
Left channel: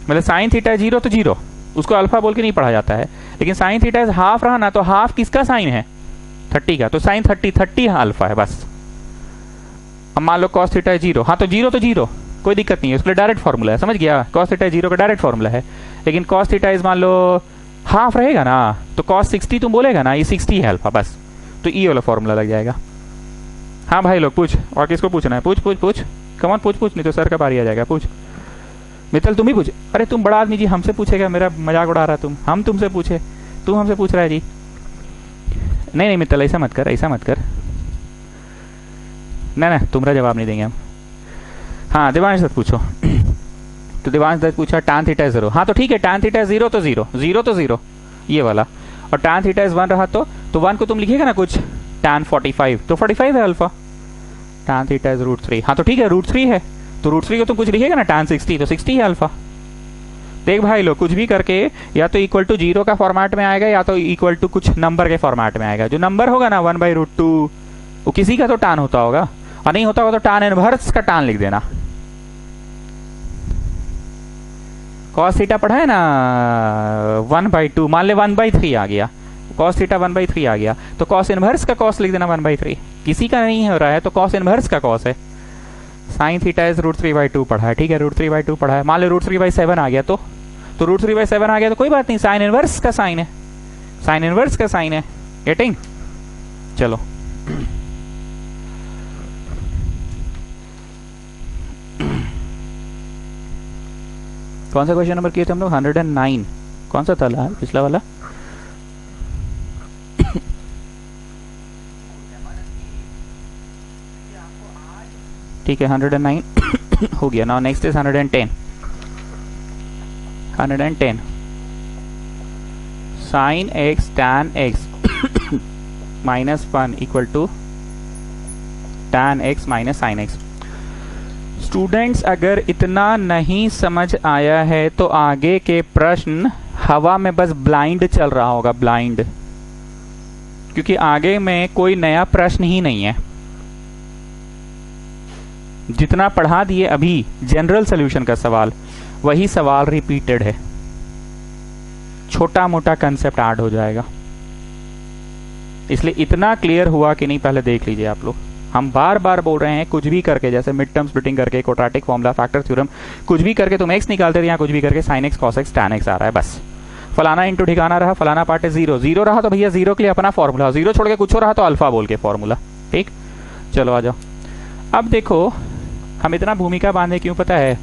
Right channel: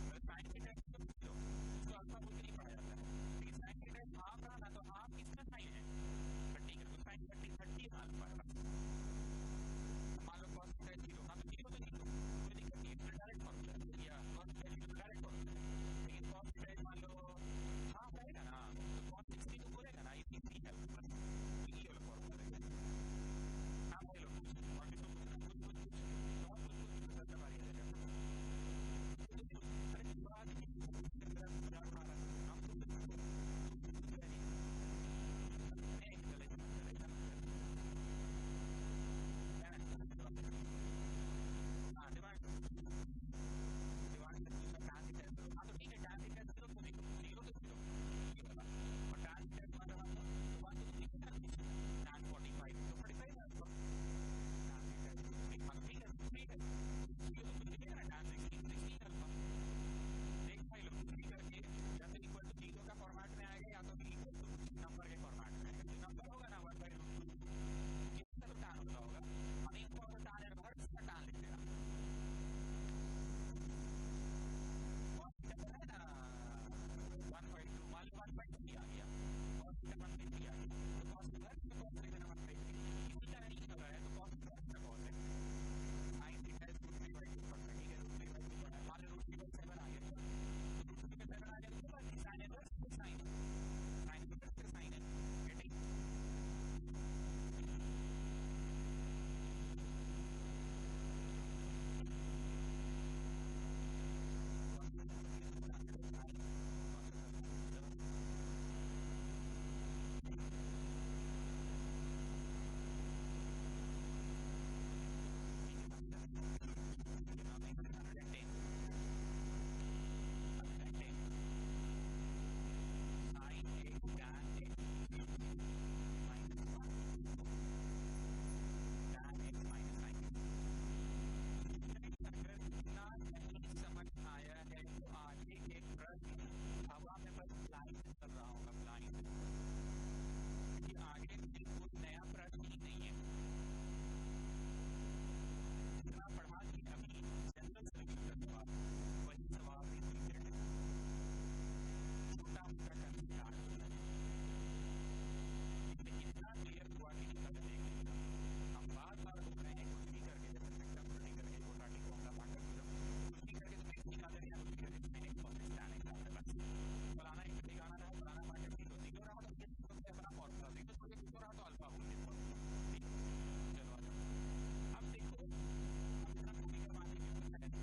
मतलब साइन थीटा जीरो तो जीरो, उसको अल्फा बोल के नहीं पढ़ा जाता है। लेकिन साइन थीटा हाफ रहा ना, तो हाफ किसका साइन है? 30 का, तो साइन 30 अल्फा है बस। अब मान लो कॉस थीटा जीरो, हाँ तो जीरो कोई दिक्कत नहीं है, उसके लिए डायरेक्ट फॉर्मूला है, समझ गया। कॉस थीटा जीरो का डायरेक्ट फॉर्मूला है। लेकिन कॉस थीटा इज मान लो हाफ रहेगा ना, तो कॉस 60 तुम बोलेगा ना, ये 60 है अल्फा बस, तो ई वाला फॉर्मूला लग जाएगा। हाँ भाई लोग पूछ, और किसको पूछना है? पूछ कमॉन पूछ, नहीं तो सर का बारी आ जाएगा। पूछ मित्तल, तुम ही पूछ। अरे तुम बड़ा आदमी जी, हमसे पूछेगा, मेरा मजाक उड़ा रहा तुम, हम तुमसे पूछे, तुम हमसे पूछ रहा है जी। नहीं मित्तल ऐसा मत कर, ना तुम्हारा जवाब नहीं देंगे हम। हाँ देवांश दत्त पूछो। तो देवांश दत्त पूछा tan थीटा जीरो, हाँ तो ठीक है, tan थीटा जीरो तो जीरो ये वाला, और tan थीटा इज 1 रहा तो 1 को तुम लिखिएगा ना कुछ tan 45, तो 45 है अल्फा। tan थीटा इज √3, हाँ तो ठीक है √3 है, तो √3 को तुम कुछ लिखिएगा ना tan 60, तो 60 है अल्फा। देख भाई लोग, कुछ भी करके या तो इक्वल टू जीरो का फॉर्मेट में आएगा, या तो इक्वल टू कुछ नंबर के फॉर्मेट में आएगा। जो नंबर होगा ना 1/√2, वो किसी का तो tan होता होगा, और नहीं होता होगा तो tan इनवर्स का tan लिख देना। कॉस थीटा पढ़ा है ना 1/2, मान ले 1/3 आ गया, कॉस थीटा 1/3 आ गया, तो कॉस इनवर्स का कॉस लिख देना 1/3। किसी का नहीं हो रहा है तो कॉस इनवर्स का कॉस है। साइन थीटा इज √3/2 पढ़ा है, ठीक है, √3/2 पढ़ा है। मान लो √3/7 आ गया, तो √3/7 आ गया तो कोई बात नहीं, साइन इनवर्स का साइन है, साइन इनवर्स का साइन है। गेटिंग? चलो कौन सा क्वेश्चन नंबर किए थे हम लोग? 109। कौन सा था पिछला वाला? ठीक है 109 हो गया। Now next is 110। 110 sine x tan x -1 equal to tan x minus sine x. Students अगर इतना नहीं समझ आया है तो आगे के प्रश्न हवा में बस ब्लाइंड चल रहा होगा, ब्लाइंड, क्योंकि आगे में कोई नया प्रश्न ही नहीं है। जितना पढ़ा दिए अभी जनरल सॉल्यूशन का सवाल, वही सवाल रिपीटेड है, छोटा मोटा कंसेप्ट ऐड हो जाएगा। इसलिए इतना क्लियर हुआ कि नहीं पहले देख लीजिए आप लोग। हम बार बार बोल रहे हैं, कुछ भी करके, जैसे मिड टर्म स्प्लिटिंग करके, क्वाड्रेटिक फॉर्मूला, फैक्टर थ्योरम, कुछ भी करके तुम x निकालते थे, यहाँ कुछ भी करके sin x cos x tan x आ रहा है बस। फलाना इंटू ठिकाना रहा, फलाना पार्ट है जीरो रहा तो भैया जीरो के लिए अपना फॉर्मूला, जीरो छोड़ के कुछ हो रहा तो अल्फा बोल के फॉर्मूला। ठीक, चलो आ जाओ। अब देखो हम इतना भूमिका बांधे क्यों पता है?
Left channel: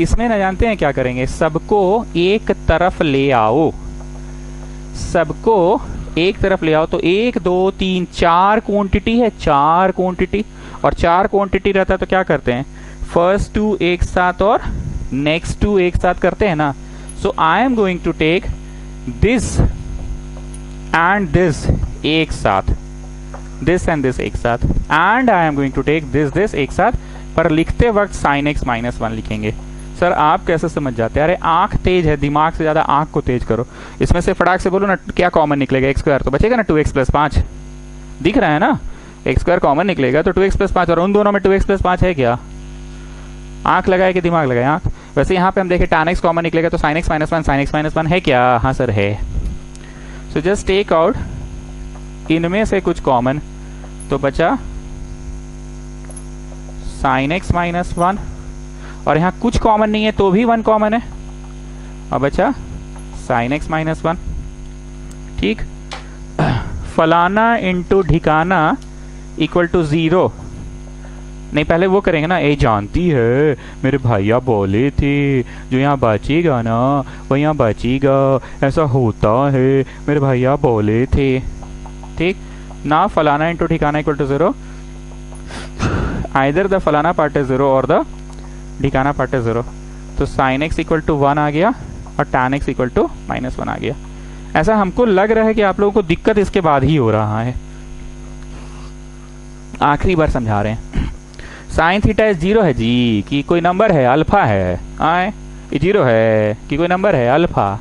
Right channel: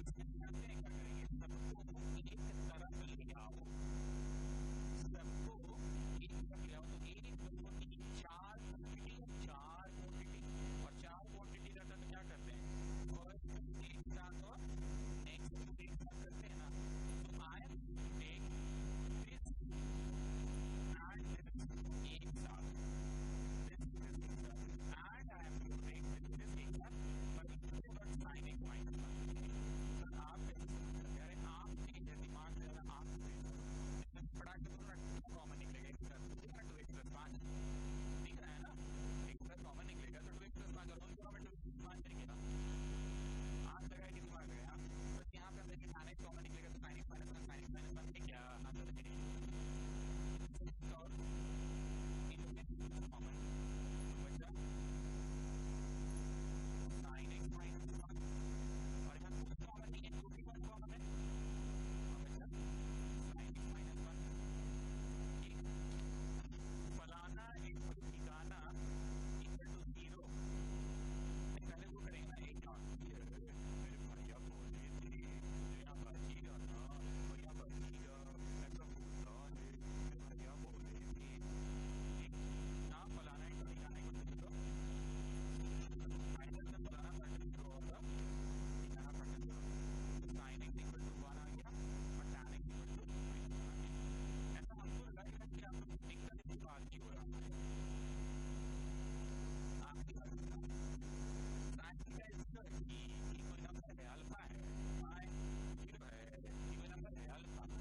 इसमें न जानते हैं क्या करेंगे, सबको एक तरफ ले आओ, सबको एक तरफ ले आओ। तो 1 2 3 4 क्वांटिटी है, 4 क्वांटिटी, और 4 क्वांटिटी रहता है तो क्या करते हैं, फर्स्ट 2 एक साथ और नेक्स्ट 2 एक साथ करते हैं ना। So I am going to take this and this एक साथ, दिस एंड दिस एक साथ, and I am going to take this एक साथ, पर लिखते वक्त sin x -1 लिखेंगे। सर आप कैसे समझ जाते हैं? अरे आंख तेज है, दिमाग से ज्यादा आंख को तेज करो। इसमें से फटाक से बोलो ना, क्या कॉमन निकलेगा? x² तो बचेगा ना 2x + 5, दिख रहा है ना, x² कॉमन निकलेगा तो 2x + 5, और उन दोनों में 2x + 5 है क्या? आंख लगाए कि दिमाग लगाए? आंख। वैसे यहाँ पे हम देखें tan x कॉमन निकलेगा तो sin x -1, sin x -1 है क्या? हाँ सर है। सो जस्ट टेक आउट इनमें से कुछ कॉमन, तो बचा sin x -1, और यहाँ कुछ कॉमन नहीं है तो भी 1 कॉमन है, और बचा sin x -1। ठीक, फलाना इंटू ठिकाना इक्वल टू 0। नहीं पहले वो करेंगे ना, ए जानती है मेरे भैया बोले थे जो यहाँ बचेगा ना वो यहाँ बचेगा, ऐसा होता है, मेरे भैया बोले थे। ठीक ना, फलाना इंटू ठिकाना इक्वल टू 0, आइदर द फलाना पार्ट इज 0 और द ठिकाना पार्ट इज 0। तो sin x इक्वल टू 1 आ गया और tan x इक्वल टू -1 आ गया। ऐसा हमको लग रहा है कि आप लोगों को दिक्कत इसके बाद ही हो रहा है, आखिरी बार समझा रहे हैं। साइन थीटा इज 0 है जी कि कोई नंबर है? अल्फा है। आए ये 0 है कि कोई नंबर है? अल्फा।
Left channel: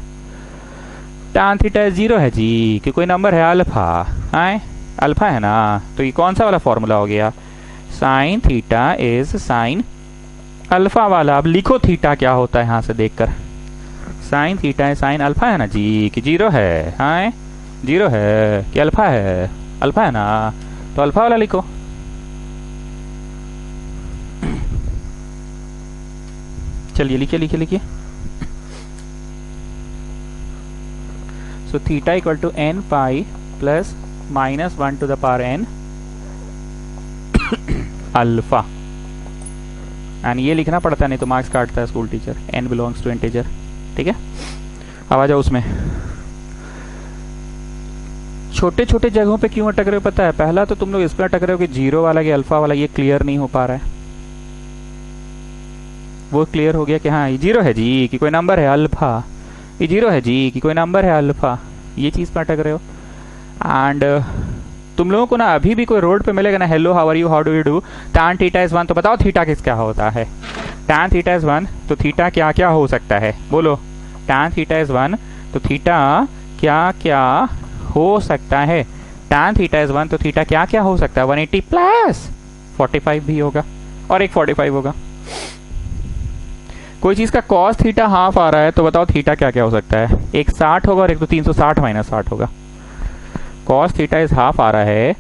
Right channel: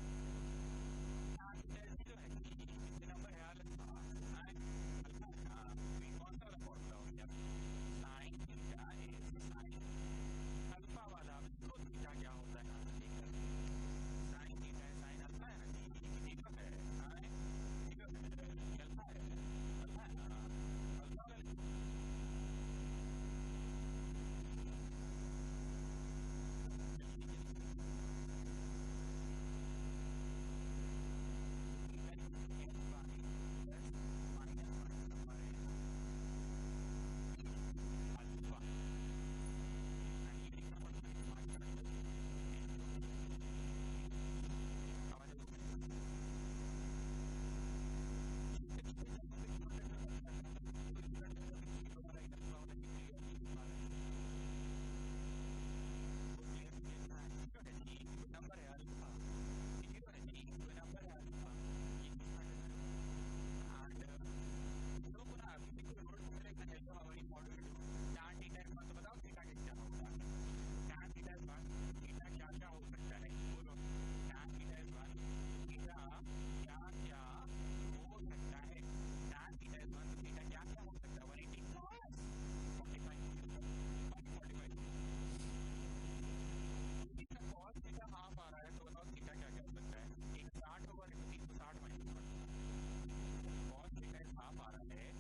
tan थीटा इज 0 है जी कि कोई नंबर है अल्फा, आए अल्फा है ना, तो ये कौन सा वाला फॉर्मूला हो गया, sine theta is sine alpha वाला। अब लिखो थीटा क्या होता है यहाँ से देखकर, साइन थीटा है साइन अल्फा है ना जी कि 0 है, हाँ 0 है कि अल्फा है, अल्फा है ना, तो अल्फा वाला लिखो। चलिए लिखिए लिखिए लिखिए। So theta equal to n pi plus minus 1 to the power n alpha, and ये लिखना पड़ता है नहीं तो मार्क्स काटता है school teacher, n belongs to integer. ठीक है, अब आ जाओ उसमें। छोटे छोटे जगहों पे क्यों अटक रहे हो पता है, पहला तो तुम लोग इस पर अटक रहे हो कि 0 वाला कि अल्फा वाला, ये क्लियर नहीं हो पा रहा है। वो क्लियर हो गया कि हाँ ये 0 है जी कि कोई नंबर है अल्फा, ये 0 है जी कि कोई नंबर है अल्फा, ये चीज़ पर अटक रहे हो। एंड तुम लोगों को ना अभी भी कोई रोड पे मिलेगा ना, hello how are you how do you do, tan theta is 1, तो बताओ थीटा किस क्या होता है, tan थीटा इज 1 तो थीटा क्या क्या हो सकता है, बोलो tan थीटा इज 1 तो थीटा क्या क्या हो सकता है, tan थीटा इज 1 तो थीटा क्या क्या हो सकता है, 180 प्लस 45 भी होगा और एक 45 होगा। कोई चीज का cos थीटा हाफ आ रहा है तो बताओ थीटा क्या क्या हो सकता है, एक 60 होगा और एक तो 360 माइनस 60 होगा। cos थीटा इज हाफ आ रहा है,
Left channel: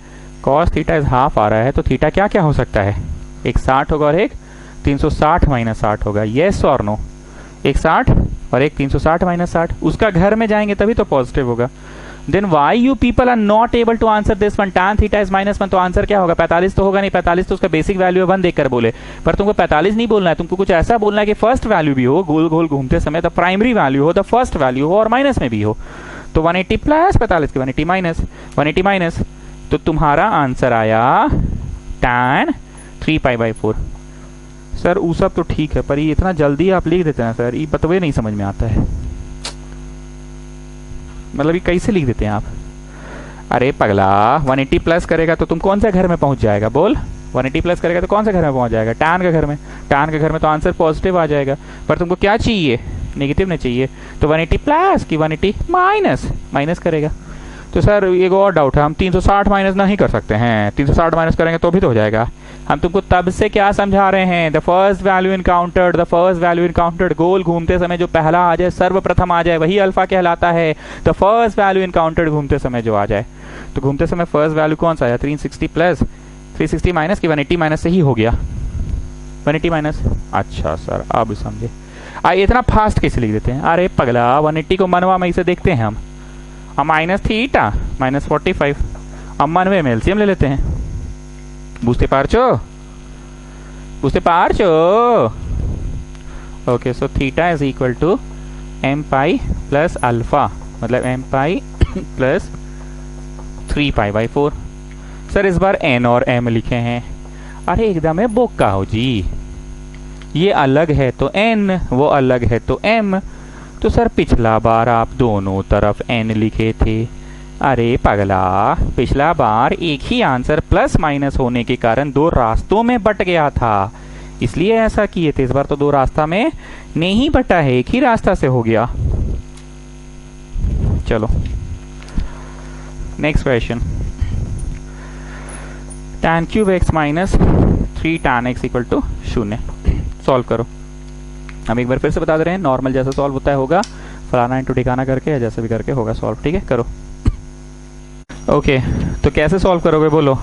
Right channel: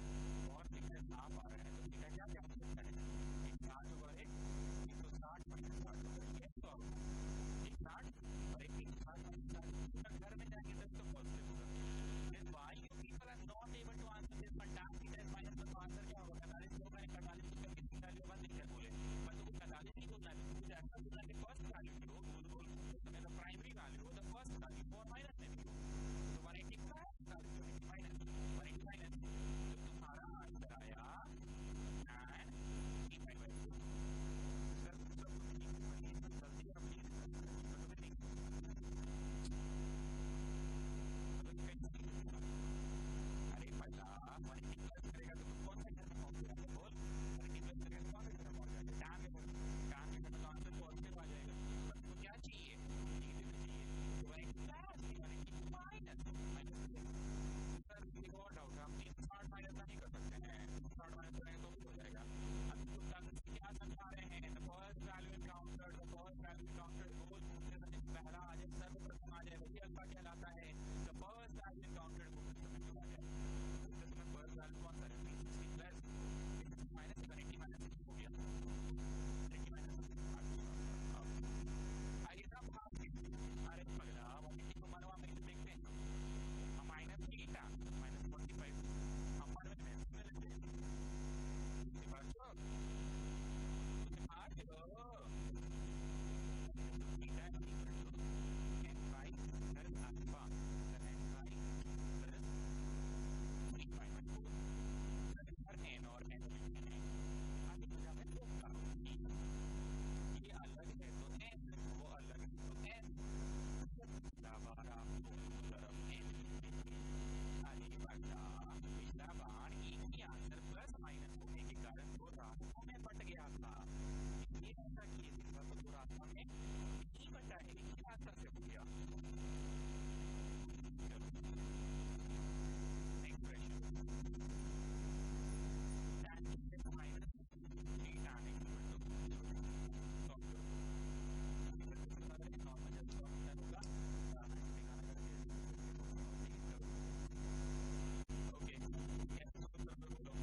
cos थीटा इज हाफ आ रहा है तो थीटा क्या क्या हो सकता है, एक 60 होगा और एक 360 माइनस 60 होगा, येस और नो, एक 60 और एक 360 माइनस 60, उसका घर में जाएंगे तभी तो पॉजिटिव होगा। Then why you people are not able to answer this one, tan theta is -1 तो आंसर क्या होगा, 45 तो होगा नहीं, 45 तो उसका बेसिक वैल्यू है 1 देखकर बोले, पर तुमको 45 नहीं बोलना है, तुमको कुछ ऐसा बोलना है कि फर्स्ट वैल्यू भी हो, गोल गोल घूमते समय द प्राइमरी वैल्यू हो, द फर्स्ट वैल्यू हो और माइनस में भी हो। तो 180 प्लस 45 की 180 माइनस 180 माइनस, तो तुम्हारा आंसर आया tan 3π/4। सर वो सब तो ठीक है पर ये इतना जल्दी आप लिख देते हैं सर, ये बतवे नहीं समझ में आता है, मतलब ये कैसे लिख देते हैं आप। अरे पगला 180 प्लस करेगा तो तुम कौन सा घर में पहुंच जाएगा, बोल 180 प्लस करेगा तो कौन सा घर में पहुंच जाएगा, tan के घर में, tan के घर में तो आंसर पॉजिटिव आ जाएगा, पर तुमको क्या चाहिए, नेगेटिव नहीं चाहिए, तो 180 प्लस की 180 माइनस माइनस करेगा। तो सर एक और डाउट है, हम 360 माइनस नहीं कर सकते हैं, 360 माइनस करेंगे तो भी तो हो जाएगा। हम तुमको तब से क्या समझा रहे हैं, the first value encountered, the first value encountered, गोल घूमते समय जो पहला आ जाए, सर्वप्रथम आ जाए वही अल्फा कहलाता है। द फर्स्ट वैल्यू इनकाउंटर्ड घूमते समय जो आ जाए, तो घूमते समय फर्स्ट वैल्यू कौन सा आया, 360 प्लस 360 माइनस की 180 माइनस से ही हो गया, 180 माइनस। अच्छा सर अब समझे, इतना फास्ट कैसे लिख देते हैं, अरे पगला 180 को मनवा में इसे देखते हैं हम, माइनस थीटा माइनस 45, अब मनवे में एलसीएम ले लेते हैं, बुझते पारचो बुझते पारचो। Okay so theta is equal to m pi plus alpha, मतलब एम पाई प्लस 3π/4। सर इस बार n और m लिखे हैं, अरे एकदम है बोका हो जी, ये अलग है तो n, वो अलग है तो m, तो सर पिछला बार आप दोनों तरफ n लिखे थे, अरे पगला पिछला बार एक ही आंसर प्लस माइनस होने के कारण दो रास्तों में बट गया था, इसलिए ऐसा किए थे। इस बार तो दो रास्ता में नहीं बटा है, एक ही रास्ता से हो गया। चलो next question, tan cube x minus 3 tan x equal to 0, solve करो। हम एक बार फिर से बता दे रहे हैं, नॉर्मल जैसा सॉल्व होता है होगा, फलाना इंटू ठिकाना करके या जैसे भी करके होगा सॉल्व, ठीक है करो। ओके तो कैसे सॉल्व करोगे बोलो,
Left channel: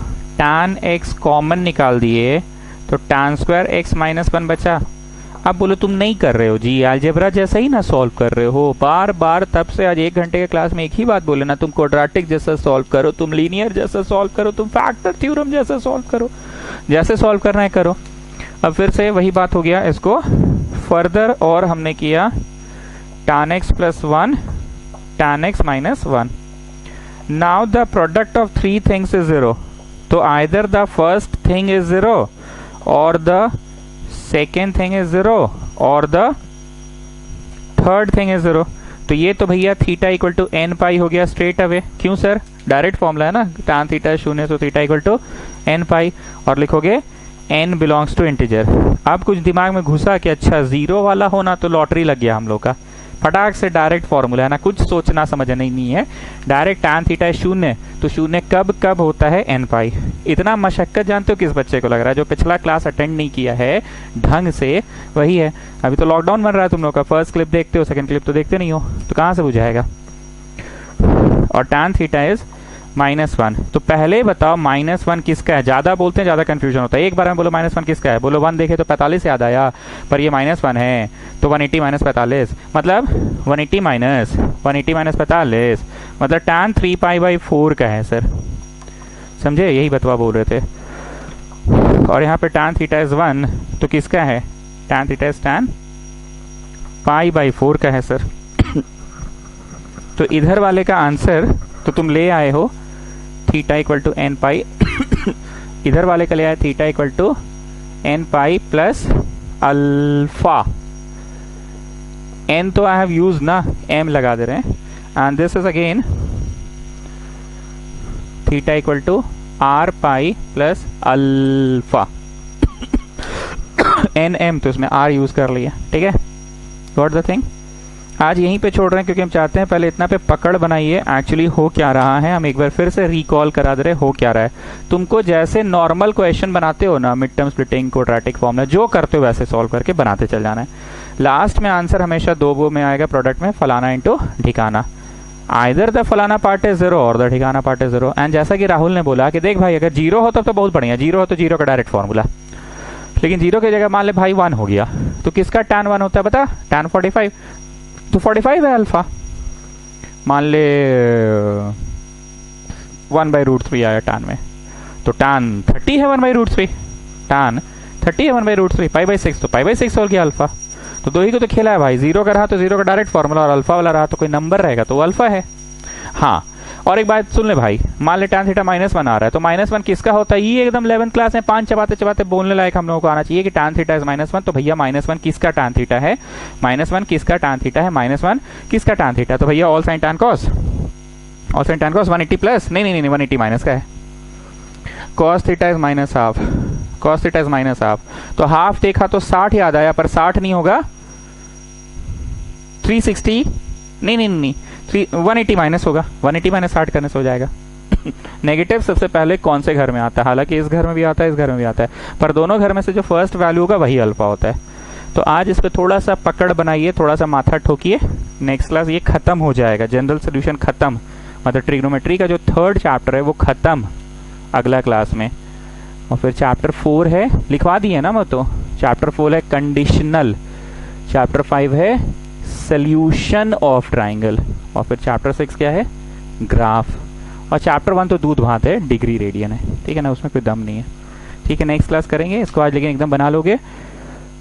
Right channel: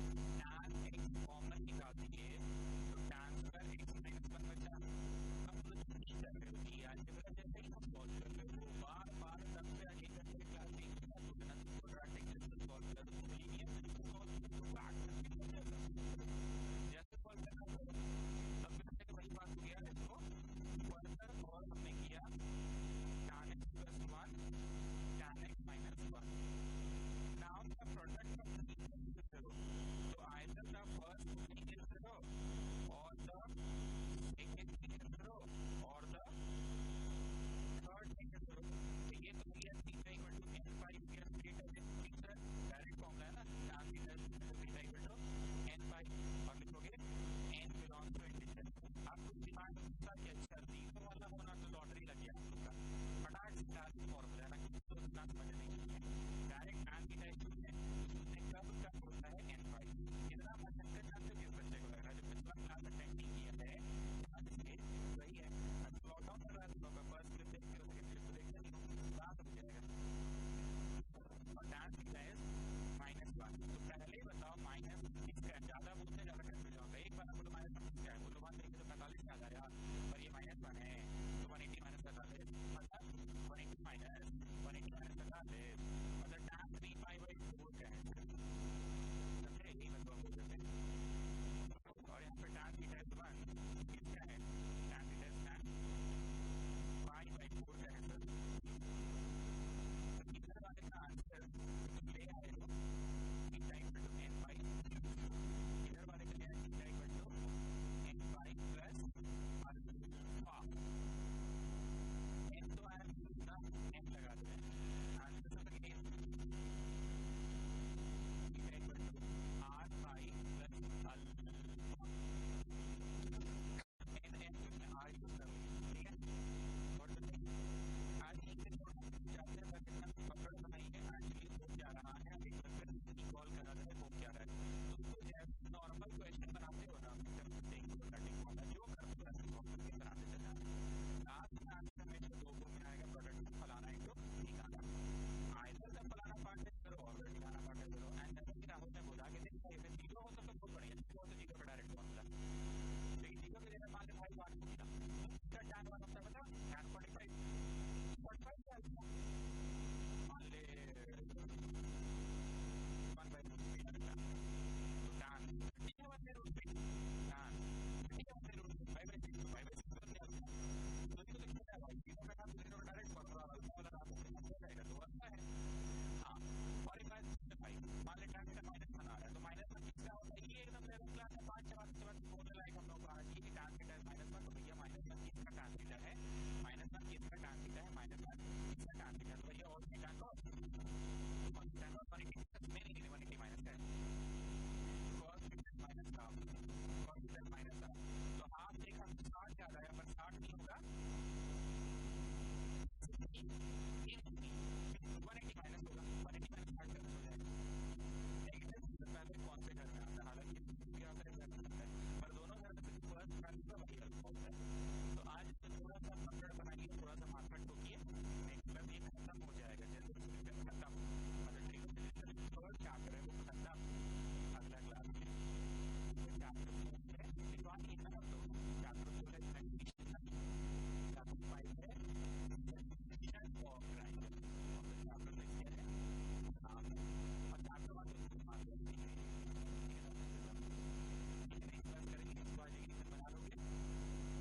tan x कॉमन निकाल दिए तो tan स्क्वायर x माइनस 1 बचा। अब बोलो तुम नहीं कर रहे हो जी, अलजेब्रा जैसा ही ना सॉल्व कर रहे हो, बार बार तब से आज 1 घंटे के क्लास में एक ही बात बोले ना, तुम क्वाड्रेटिक जैसा सॉल्व करो, तुम लीनियर जैसा सॉल्व करो, तुम फैक्टर थ्योरम जैसा सॉल्व करो, जैसे सॉल्व करना है करो। अब फिर से वही बात हो गया, इसको फर्दर और हमने किया tan x plus 1 tan x minus 1। Now the product of 3 things is 0, तो either the first thing is 0 और द सेकेंड थिंग इज 0 और द थर्ड थिंग इज 0। तो ये तो भैया थीटा इक्वल टू n पाई हो गया स्ट्रेट अवे, क्यों सर डायरेक्ट फॉर्मूला है ना, tan थीटा 0 तो theta equal to n pi, और लिखोगे n बिलोंग्स टू इंटीजर। अब कुछ दिमाग में घुसा कि अच्छा 0 वाला होना तो लॉटरी लग गया हम लोग का, फटाक से डायरेक्ट फॉर्मूला है ना, कुछ सोचना समझना नहीं है, डायरेक्ट tan थीटा है 0, तो 0 कब कब होता है n पाई। इतना मशक्कत जानते हो किस बच्चे को लग रहा है? जो पिछला क्लास अटेंड नहीं किया है ढंग से वही है। अभी तो लॉकडाउन बन रहा है तुम लोग का, फर्स्ट क्लिप देखते हो, सेकंड क्लिप तो देखते नहीं हो, तो कहाँ से बुझाएगा। और tan थीटा इज -1। तो पहले बताओ -1 किसका है? ज्यादा बोलते हैं ज्यादा कंफ्यूजन होता है, एक बार में बोलो -1 किसका है, बोलो 1 देखे तो 45 याद आया, पर ये -1 है तो 180 - 45 मतलब 180 - 45 मतलब tan 3π/4 का है सर, समझे? यही बतवा बोल रहे थे। और यहाँ पे tan थीटा इज 1 तो किसका है? tan थीटा इज tan π/4 का है सर। तो इधर वाले का आंसर तो तुम ले आए हो theta equal to n pi इधर वाले का ले आए theta equal to n pi plus alpha. n तो आई हैव यूज ना, m लगा दे रहे हैं, and this is again theta equal to r pi plus alpha. n m तो इसमें r यूज कर लिया, ठीक है। Got the thing. आज यहीं पे छोड़ रहे हैं क्योंकि हम चाहते हैं पहले इतना पे पकड़ बनाइए एक्चुअली हो क्या रहा है। हम एक बार फिर से रिकॉल करा दे रहे हो क्या रहा है। तुमको जैसे नॉर्मल क्वेश्चन बनाते हो ना, mid term splitting, quadratic formula जो करते हो वैसे सॉल्व करके बनाते चल जाना है। लास्ट में आंसर हमेशा दो वो में आएगा, प्रोडक्ट में फलाना इंटू ठिकाना। आइदर द फलाना पार्ट इज 0 और द ठिकाना पार्ट इज 0। एंड जैसा कि राहुल ने बोला कि देख भाई अगर 0 हो तब तो बहुत बढ़िया, 0 हो तो 0 का डायरेक्ट फॉर्मूला, लेकिन 0 की जगह मान ले भाई 1 हो गया तो किसका tan 1 होता है बता? tan 45, तो 45 है अल्फा। मान ले 1/√3 आया tan में, तो tan 30 है 1/√3, tan 30 है 1/√3, π/6 तो π/6 हो गया अल्फा। तो दो ही को तो खेला है भाई, 0 का रहा तो 0 का डायरेक्ट फॉर्मूला, और अल्फा वाला रहा तो कोई नंबर रहेगा तो अल्फा है। हाँ, और एक बात सुन ले भाई, मान ले tan थीटा -1 आ रहा है तो -1 किसका होता है? ये एकदम 11th क्लास में 5 चबाते चबाते बोलने लायक हम लोगों को आना चाहिए कि tan थीटा इज -1। तो भैया -1 किसका tan थीटा है? -1 किसका tan थीटा है? -1 किसका tan थीटा? तो भैया all sine tan cos, all sine tan cos 180 plus, नहीं 180 माइनस का है। cos theta is -half, cos theta is -half, तो हाफ देखा तो 60 याद आया, पर 60 नहीं होगा, 360, नहीं 180 माइनस होगा, 180 - 60 करने से हो जाएगा। नेगेटिव सबसे पहले कौन से घर में आता है? हालांकि इस घर में भी आता है, इस घर में भी आता है, पर दोनों घर में से जो फर्स्ट वैल्यू होगा वही अल्फा होता है। तो आज इस पे थोड़ा सा पकड़ बनाइए, थोड़ा सा माथा ठोकिए, नेक्स्ट क्लास ये खत्म हो जाएगा, जनरल सोल्यूशन खत्म, मतलब ट्रिग्नोमेट्री का जो 3rd चैप्टर है वो खत्म अगला क्लास में। और फिर चैप्टर 4 है, लिखवा दिए ना मैं, तो चैप्टर 4 है कंडीशनल, चैप्टर 5 है सोल्यूशन ऑफ ट्राइंगल, और फिर चैप्टर 6 क्या है? ग्राफ। और चैप्टर 1 तो दूध भात है, डिग्री रेडियन है, ठीक है ना, उसमें कोई दम नहीं है, ठीक है। नेक्स्ट क्लास करेंगे इसको आज, लेकिन एकदम बना लोगे।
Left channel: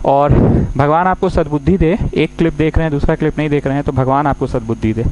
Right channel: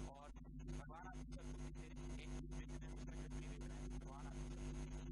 और भगवान आपको सद्बुद्धि दे, एक क्लिप देख रहे हैं दूसरा क्लिप नहीं देख रहे हैं तो भगवान आपको सद्बुद्धि दे।